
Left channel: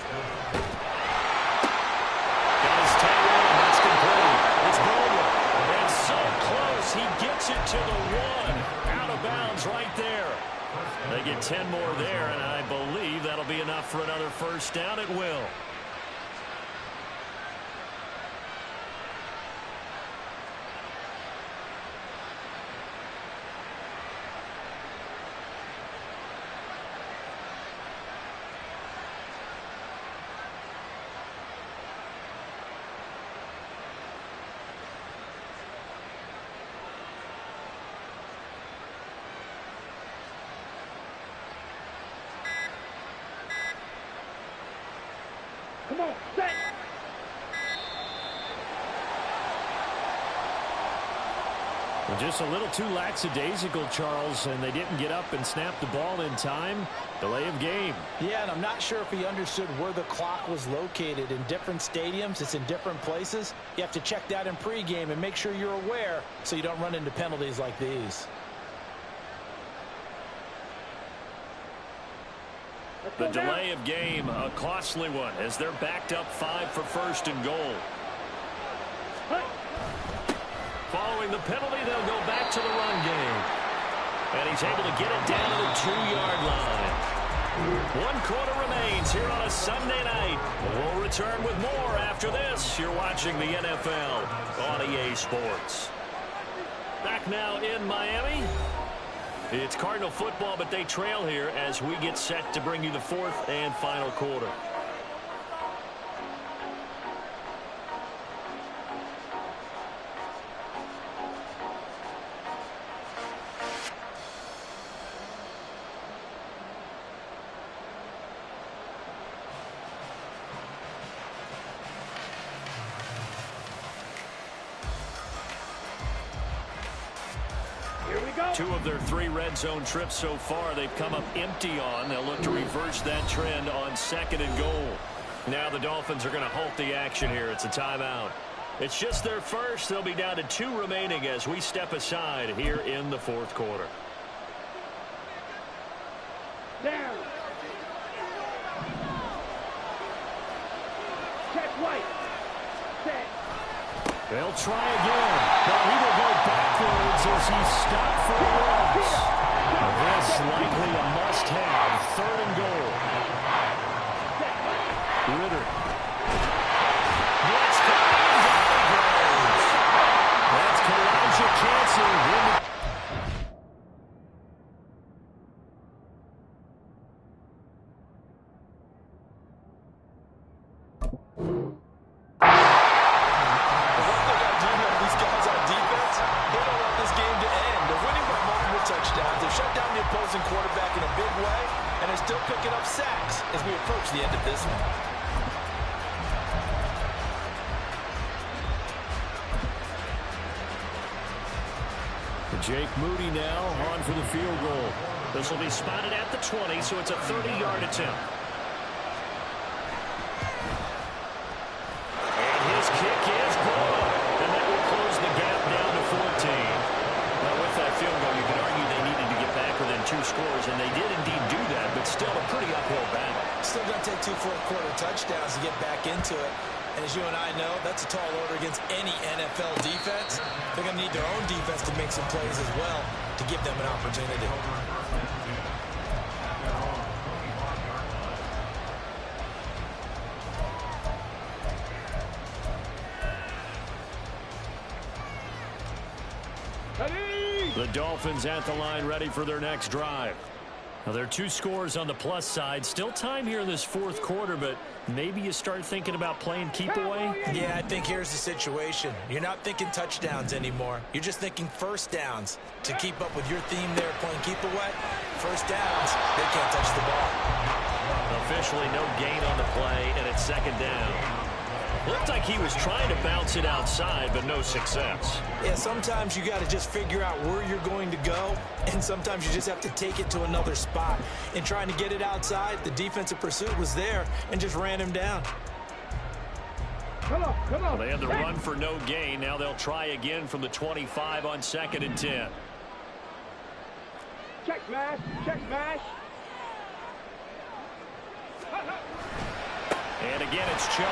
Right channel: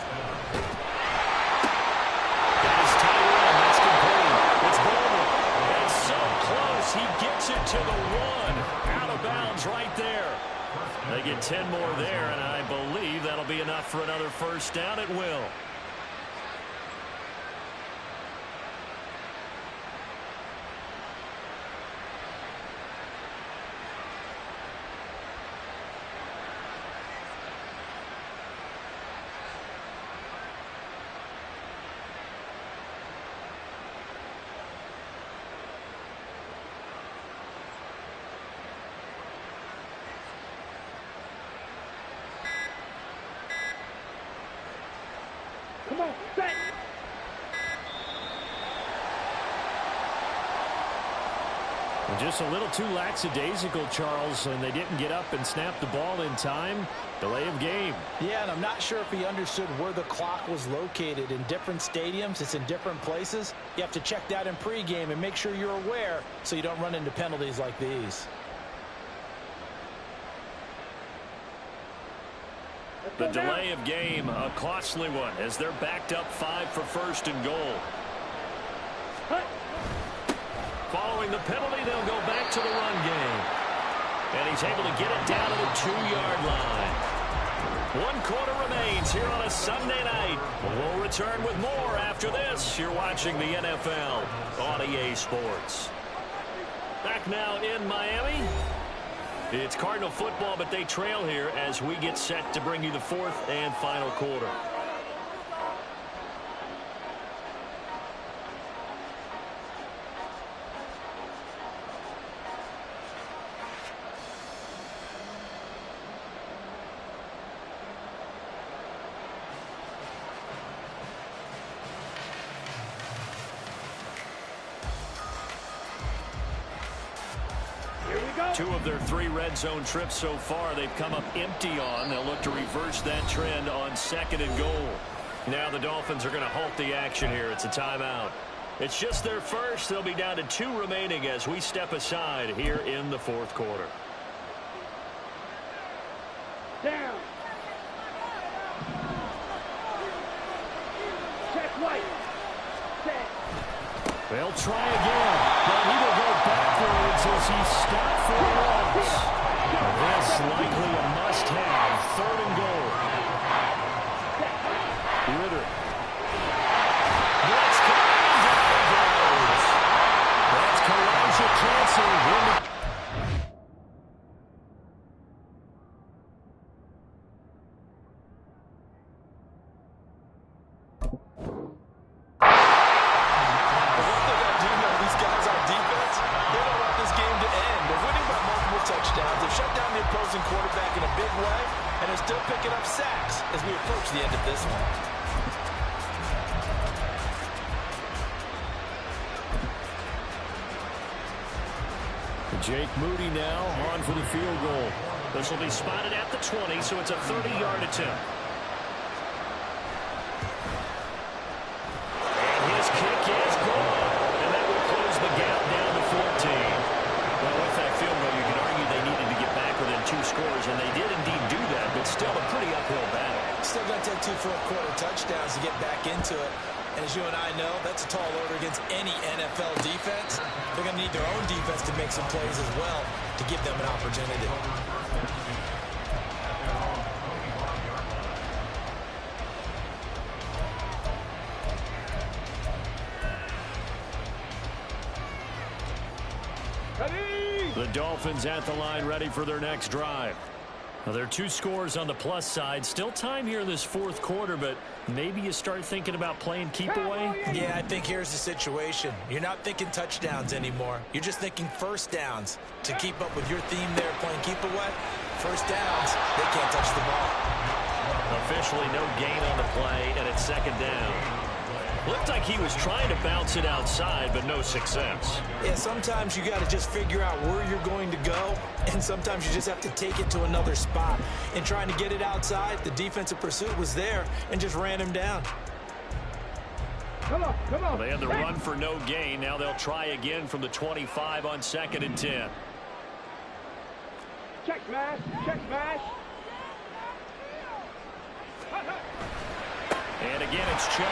Got his tight end. That's complete. It's Baldwin. And so close. He gets it to the 1. Out of bounds right there. They get 10 more there, and I believe that'll be enough for another 1st down. It will. Come on, set. Just a little too lackadaisical, Charles, and they didn't get up and snap the ball in time. Delay of game. Yeah, and I'm not sure if he understood where the clock was located. In different stadiums, it's in different places. You have to check that in pregame and make sure you're aware so you don't run into penalties like these. The delay of game, a costly one, as they're backed up 5 for first and goal. Following the penalty, they'll go back to the run game. And he's able to get it down to the 2-yard line. 1 quarter remains here on a Sunday night. We'll return with more after this. You're watching the NFL on EA Sports. Back now in Miami. It's Cardinal football, but they trail here as we get set to bring you the 4th and final quarter. Two of their 3 red zone trips so far they've come up empty on. They'll look to reverse that trend on 2nd and goal. Now the Dolphins are going to halt the action here. It's a timeout. It's just their first. They'll be down to 2 remaining as we step aside here in the 4th quarter. Down. Check White. Set. They'll try again, but he will go backwards as he stopped for a loss. This likely a must-have, 3rd and goal. Ritter. Blitz coming, down he goes. That's Kalijah Kancey. Touchdowns. They've shut down the opposing quarterback in a big way, and they're still picking up sacks as we approach the end of this one. Jake Moody now on for the field goal. This will be spotted at the 20, so it's a 30-yard attempt. And his kick is good, and that will close the gap down to 14. Well, with that field goal, you can argue they needed to get back within 2 scores, and they did indeed do that, but still a pretty uphill battle. Still going to take 2 fourth-quarter touchdowns to get back into it. And as you and I know, that's a tall order against any NFL defense. They're going to need their own defense to make some plays as well to give them an opportunity. The Dolphins at the line ready for their next drive. Now, there are 2 scores on the plus side. Still time here in this 4th quarter, but maybe you start thinking about playing keep away? Yeah, I think here's the situation. You're not thinking touchdowns anymore. You're just thinking first downs. To keep up with your theme there, playing keep away, first downs, they can't touch the ball. Officially no gain on the play, and it's 2nd down. Looked like he was trying to bounce it outside, but no success. Yeah, sometimes you got to just figure out where you're going to go, and sometimes you just have to take it to another spot. In trying to get it outside, the defensive pursuit was there and just ran him down. Come on, come on. Well, they had the run for no gain. Now they'll try again from the 25 on 2nd and 10. Check smash, check smash. And again, it's Chubb.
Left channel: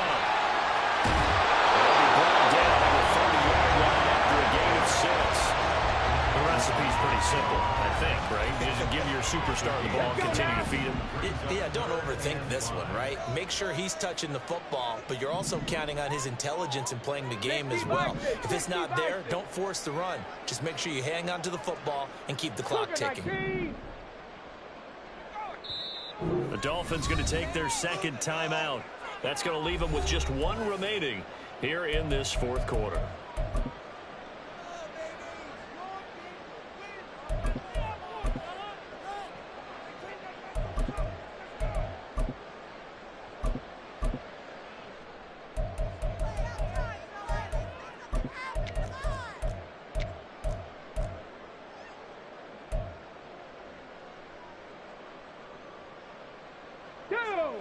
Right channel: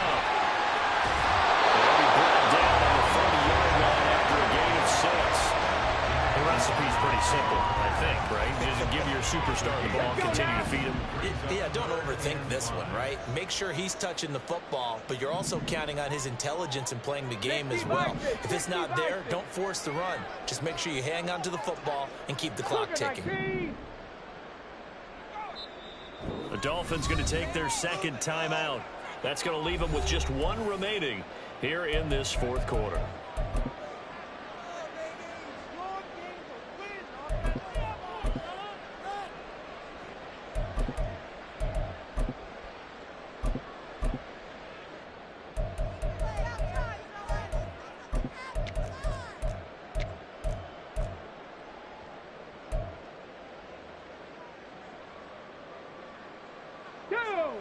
They'll be brought down on the 30-yard line after a gain of 6. The recipe's pretty simple, I think, right? Just give your superstar the ball, continue to feed him. Yeah, don't overthink this one, right? Make sure he's touching the football, but you're also counting on his intelligence in playing the game as well. If it's not there, don't force the run. Just make sure you hang on to the football and keep the clock ticking. The Dolphins going to take their 2nd timeout. That's going to leave them with just 1 remaining here in this 4th quarter.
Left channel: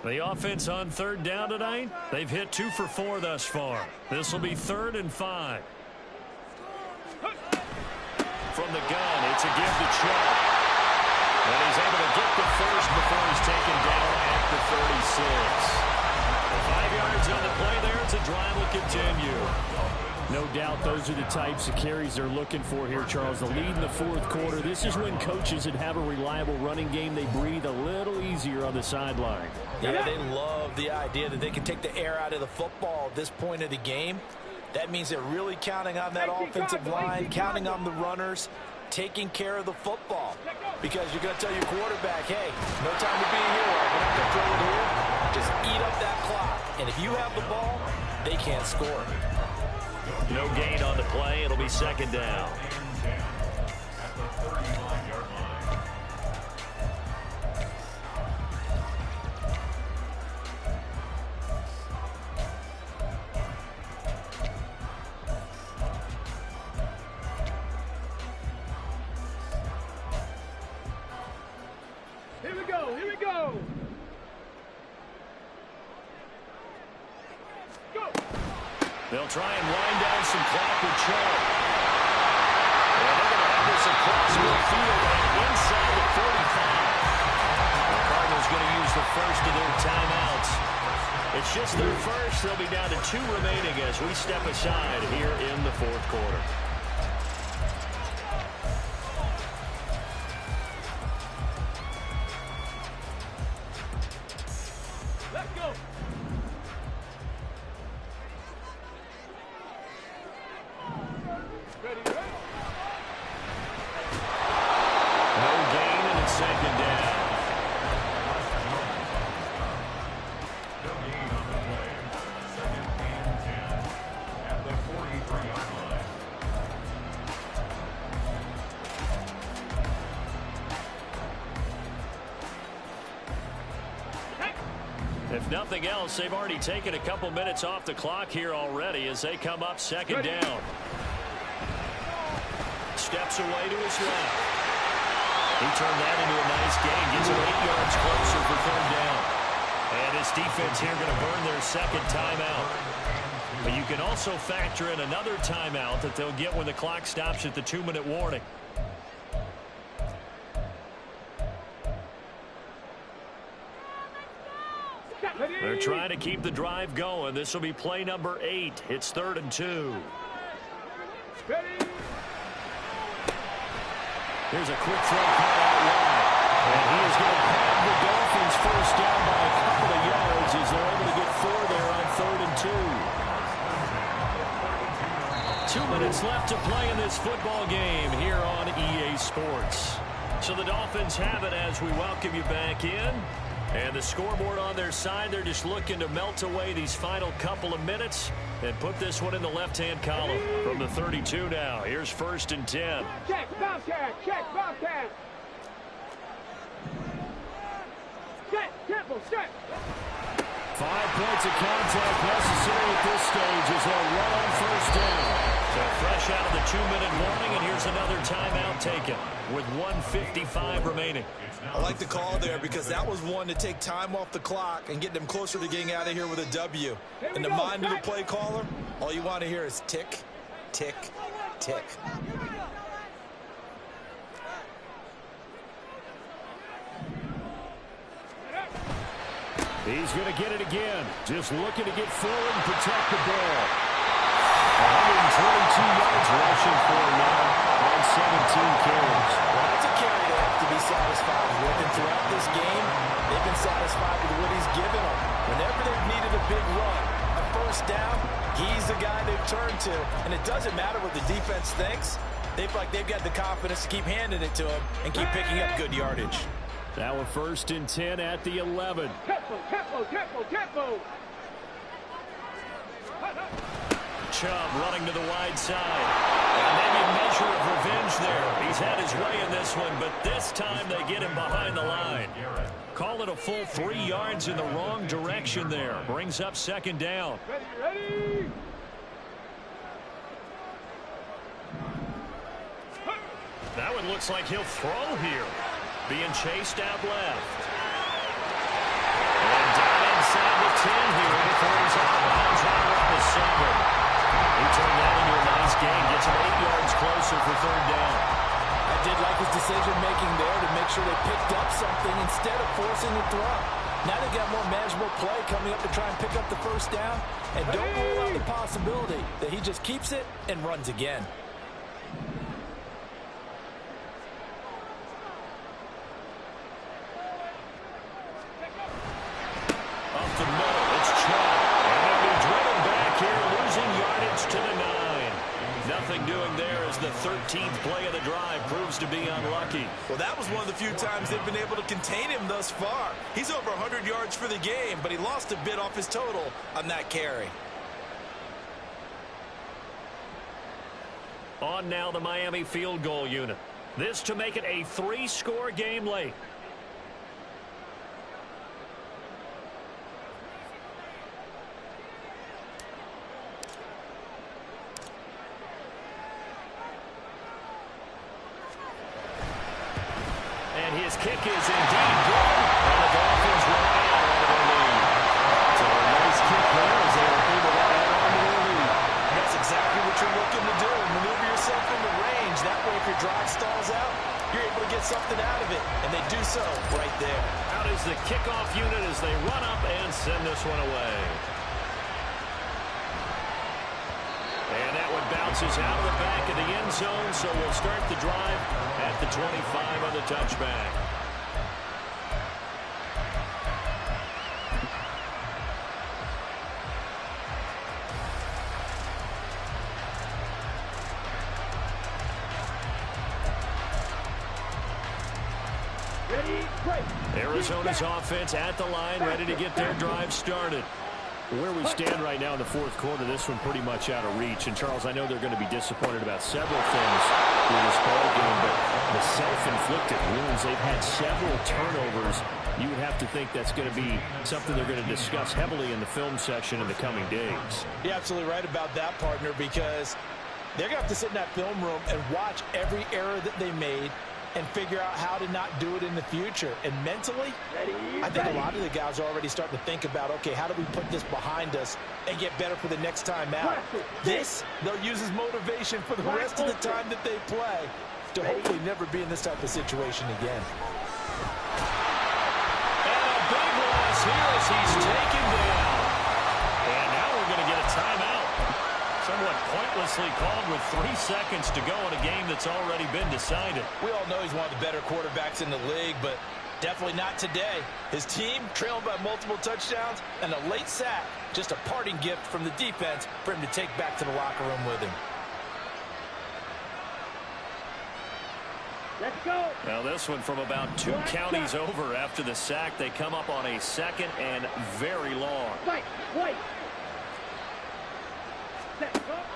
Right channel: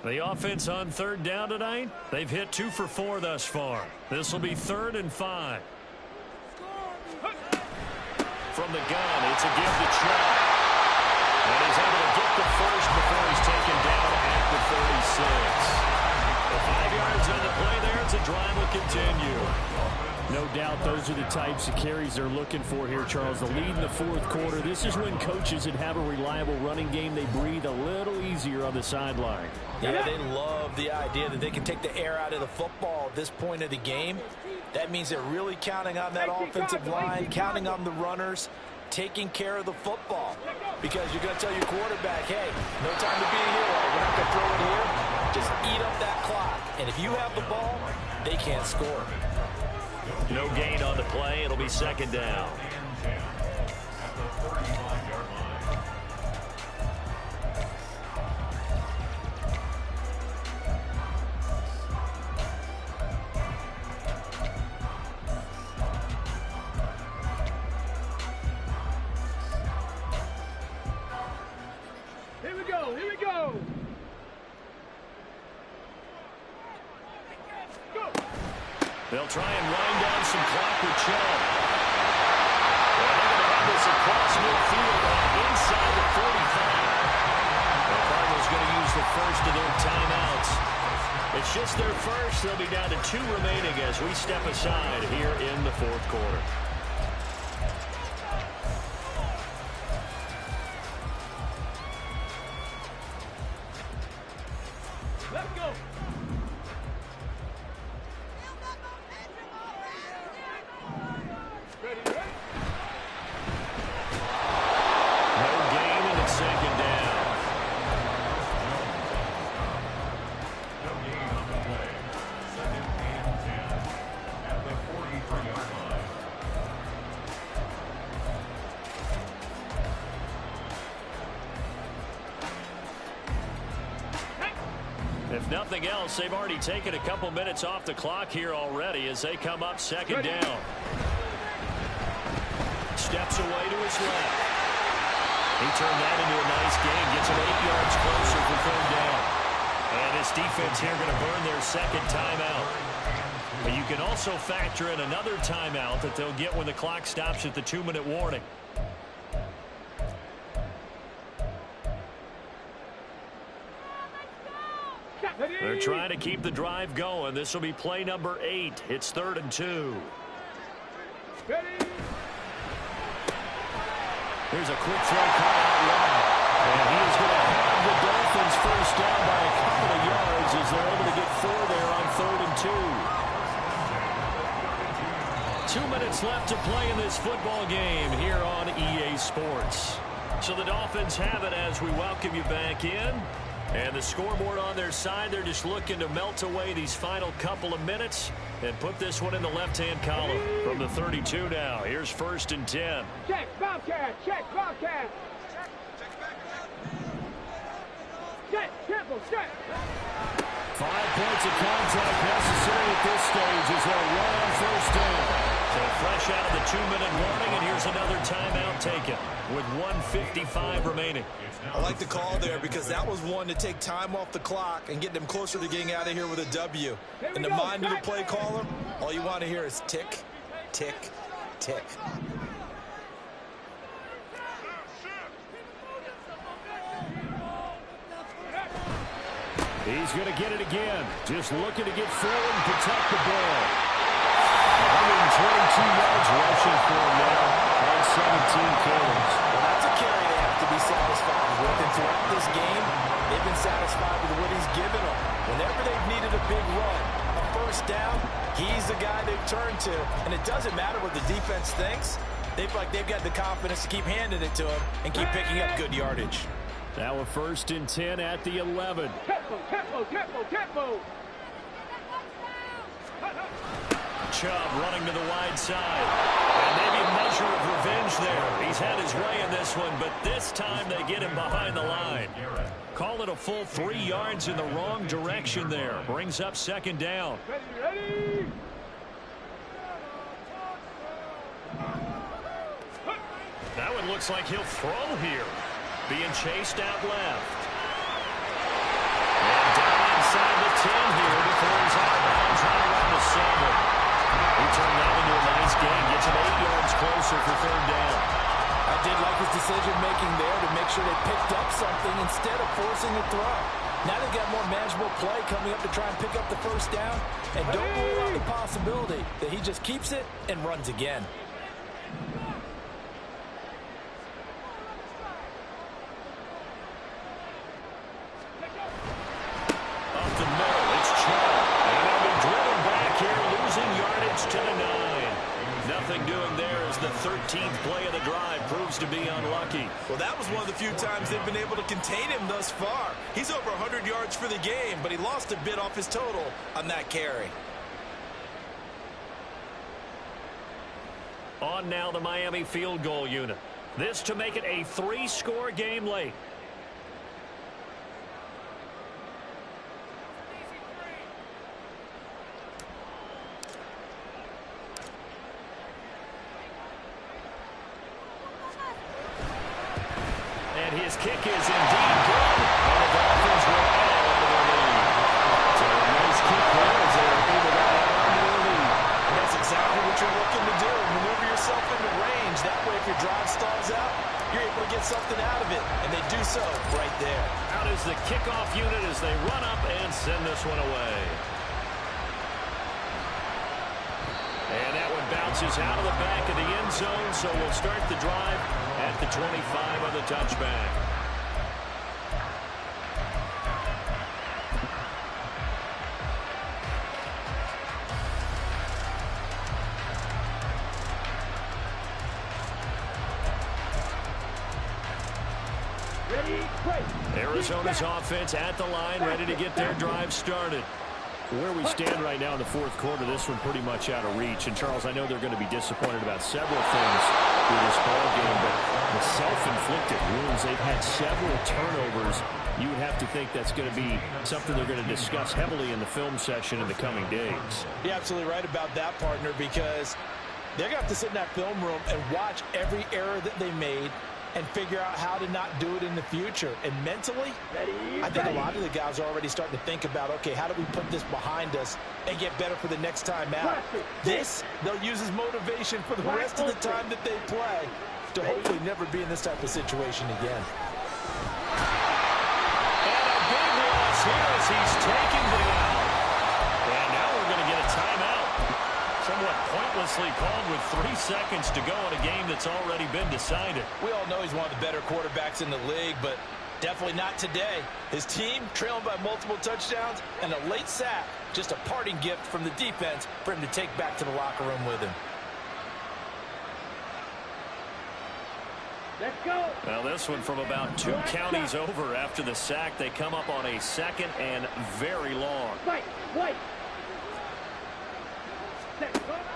The offense on third down tonight, they've hit 2 for 4 thus far. This will be 3rd and 5. From the gun, it's a give to Chubb. And he's able to get the first before he's taken down at the 36. 5 yards on the play there. It's a drive will continue. No doubt those are the types of carries they're looking for here, Charles. The lead in the 4th quarter. This is when coaches that have a reliable running game, they breathe a little easier on the sideline. Yeah, they love the idea that they can take the air out of the football at this point of the game. That means they're really counting on that offensive line, counting on the runners, taking care of the football. Because you're going to tell your quarterback, hey, no time to be a hero. We're not going to throw it here. Just eat up that clock. And if you have the ball, they can't score. No gain on the play. It'll be 2nd down. Here we go. Here we go. Go. They'll try and wind down some clock with Chubb. And they're going to have this across midfield and inside the 45. The Cardinals going to use the first of their timeouts. It's just their first. They'll be down to 2 remaining as we step aside here in the 4th quarter. Let's go. Ready, ready? No gain, and it's 2nd down. No gain on the play. 2nd and 10 at the 43-yard line. If nothing else, they've already taken a couple minutes off the clock here already as they come up 2nd down. Steps away to his left. He turned that into a nice gain. Gets him 8 yards closer for 3rd down. And his defense here going to burn their 2nd timeout. But you can also factor in another timeout that they'll get when the clock stops at the 2-minute warning. They're trying to keep the drive going. This will be play number 8. It's 3rd and 2. Ready. Here's a quick throw caught out wide. And he is going to have the Dolphins first down by a couple of yards as they're able to get 4 there on 3rd and 2. 2 minutes left to play in this football game here on EA Sports. So the Dolphins have it as we welcome you back in. And the scoreboard on their side, they're just looking to melt away these final couple of minutes and put this one in the left-hand column from the 32 now. Here's 1st and 10. Check, Bobcat. Check, Bobcat. Set, tempo, set. 5 points of contact necessary at this stage as they'll run on 1st down. So fresh out of the 2-minute warning, and here's another timeout taken with 1:55 remaining. I like the call there because that was one to take time off the clock and get them closer to getting out of here with a W. In the mind of the play caller, all you want to hear is tick, tick, tick. He's going to get it again. Just looking to get forward and protect the ball. 122 yards rushing for him now on 17 carries. Well, that's a carry they have to be satisfied with. And throughout this game, they've been satisfied with what he's given them. Whenever they've needed a big run, a 1st down, he's the guy they've turned to. And it doesn't matter what the defense thinks. They've got the confidence to keep handing it to him and keep picking up good yardage. Now a 1st and 10 at the 11. Tempo, tempo, tempo, tempo. Chubb running to the wide side. And maybe a measure of revenge there. He's had his way in this one, but this time they get him behind the line. Call it a full 3 yards in the wrong direction there. Brings up 2nd down. Ready, ready. That one looks like he'll throw here. Being chased out left. And inside the 10 here before he's out of bounds right around the 7. He turned that into a nice gain, gets him 8 yards closer for third down. I did like his decision-making there to make sure they picked up something instead of forcing a throw. Now they've got more manageable play coming up to try and pick up the first down. And don't rule out the possibility that he just keeps it and runs again. Up the middle, it's Chubb. And they'll be driven back here, losing yardage to the 9. Nothing doing there as the 13th play of the drive proves to be unlucky. Well, that was one of the few times they've been able to contain him thus far. He's over 100 yards for the game, but he lost a bit off his total on that carry. On now the Miami field goal unit. This to make it a 3-score game late. And his kick is indeed good, and the Dolphins will add on to their lead. So a nice kick there as they are able to add on to their lead. And that's exactly what you're looking to do. Maneuver yourself into range. That way, if your drive stalls out, you're able to get something out of it. And they do so right there. Out is the kickoff unit as they run up and send this one away. And that one bounces out of the back of the end zone, so we'll start the drive at the 25 on the touchback. Ready, break. Arizona's offense at the line, ready to get their drive started. Where we stand right now in the fourth quarter, this one pretty much out of reach. And, Charles, I know they're going to be disappointed about several things through this ball game, but the self-inflicted wounds, they've had several turnovers. You would have to think that's going to be something they're going to discuss heavily in the film session in the coming days. You're absolutely right about that, partner, because they're going to have to sit in that film room and watch every error that they made and figure out how to not do it in the future. And mentally, I think a lot of the guys are already starting to think about, okay, how do we put this behind us and get better for the next time out? This, they'll use as motivation for the rest of the time that they play to hopefully never be in this type of situation again. And a big loss here as he's taken down. And now we're going to get a timeout. Somewhat pointlessly called with 3 seconds to go in a game that's already been decided. We all know he's one of the better quarterbacks in the league, but definitely not today. His team trailing by multiple touchdowns and a late sack, just a parting gift from the defense for him to take back to the locker room with him. Let's go. Now this one from about 2 counties over after the sack. They come up on a 2nd and very long. Wait.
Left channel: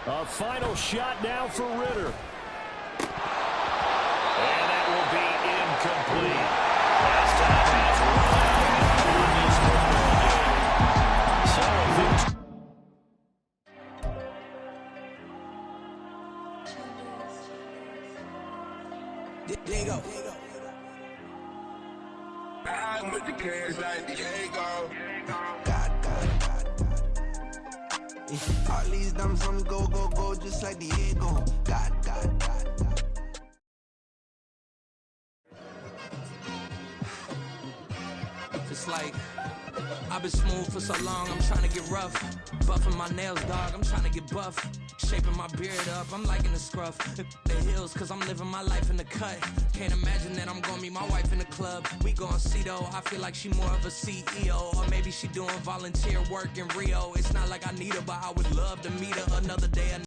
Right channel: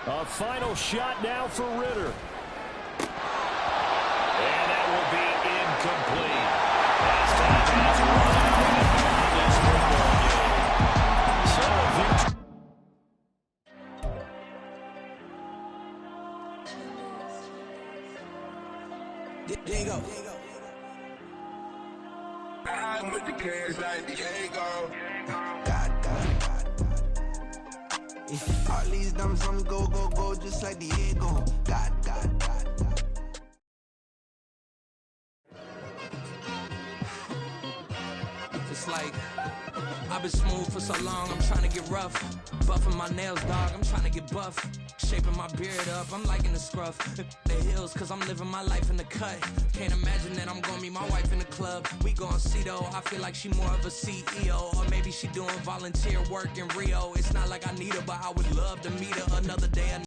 A final shot now for Ritter. And that will be incomplete. As time has run out in this football game. So Diego. I'm with the cash like Diego. God. All these numbers on go, just like Diego. God. It's like I've been smooth for so long, I'm trying to get rough. Buffing my nails, dog, I'm trying to get buff. Shaping my beard up, I'm liking the scruff. The hills, cause I'm living my life in the cut. Can't imagine that I'm gonna meet my wife in the club. We gon' see though, I feel like she more of a CEO. Or maybe she doing volunteer work in Rio. It's not like I need her, but I would love to meet her another day.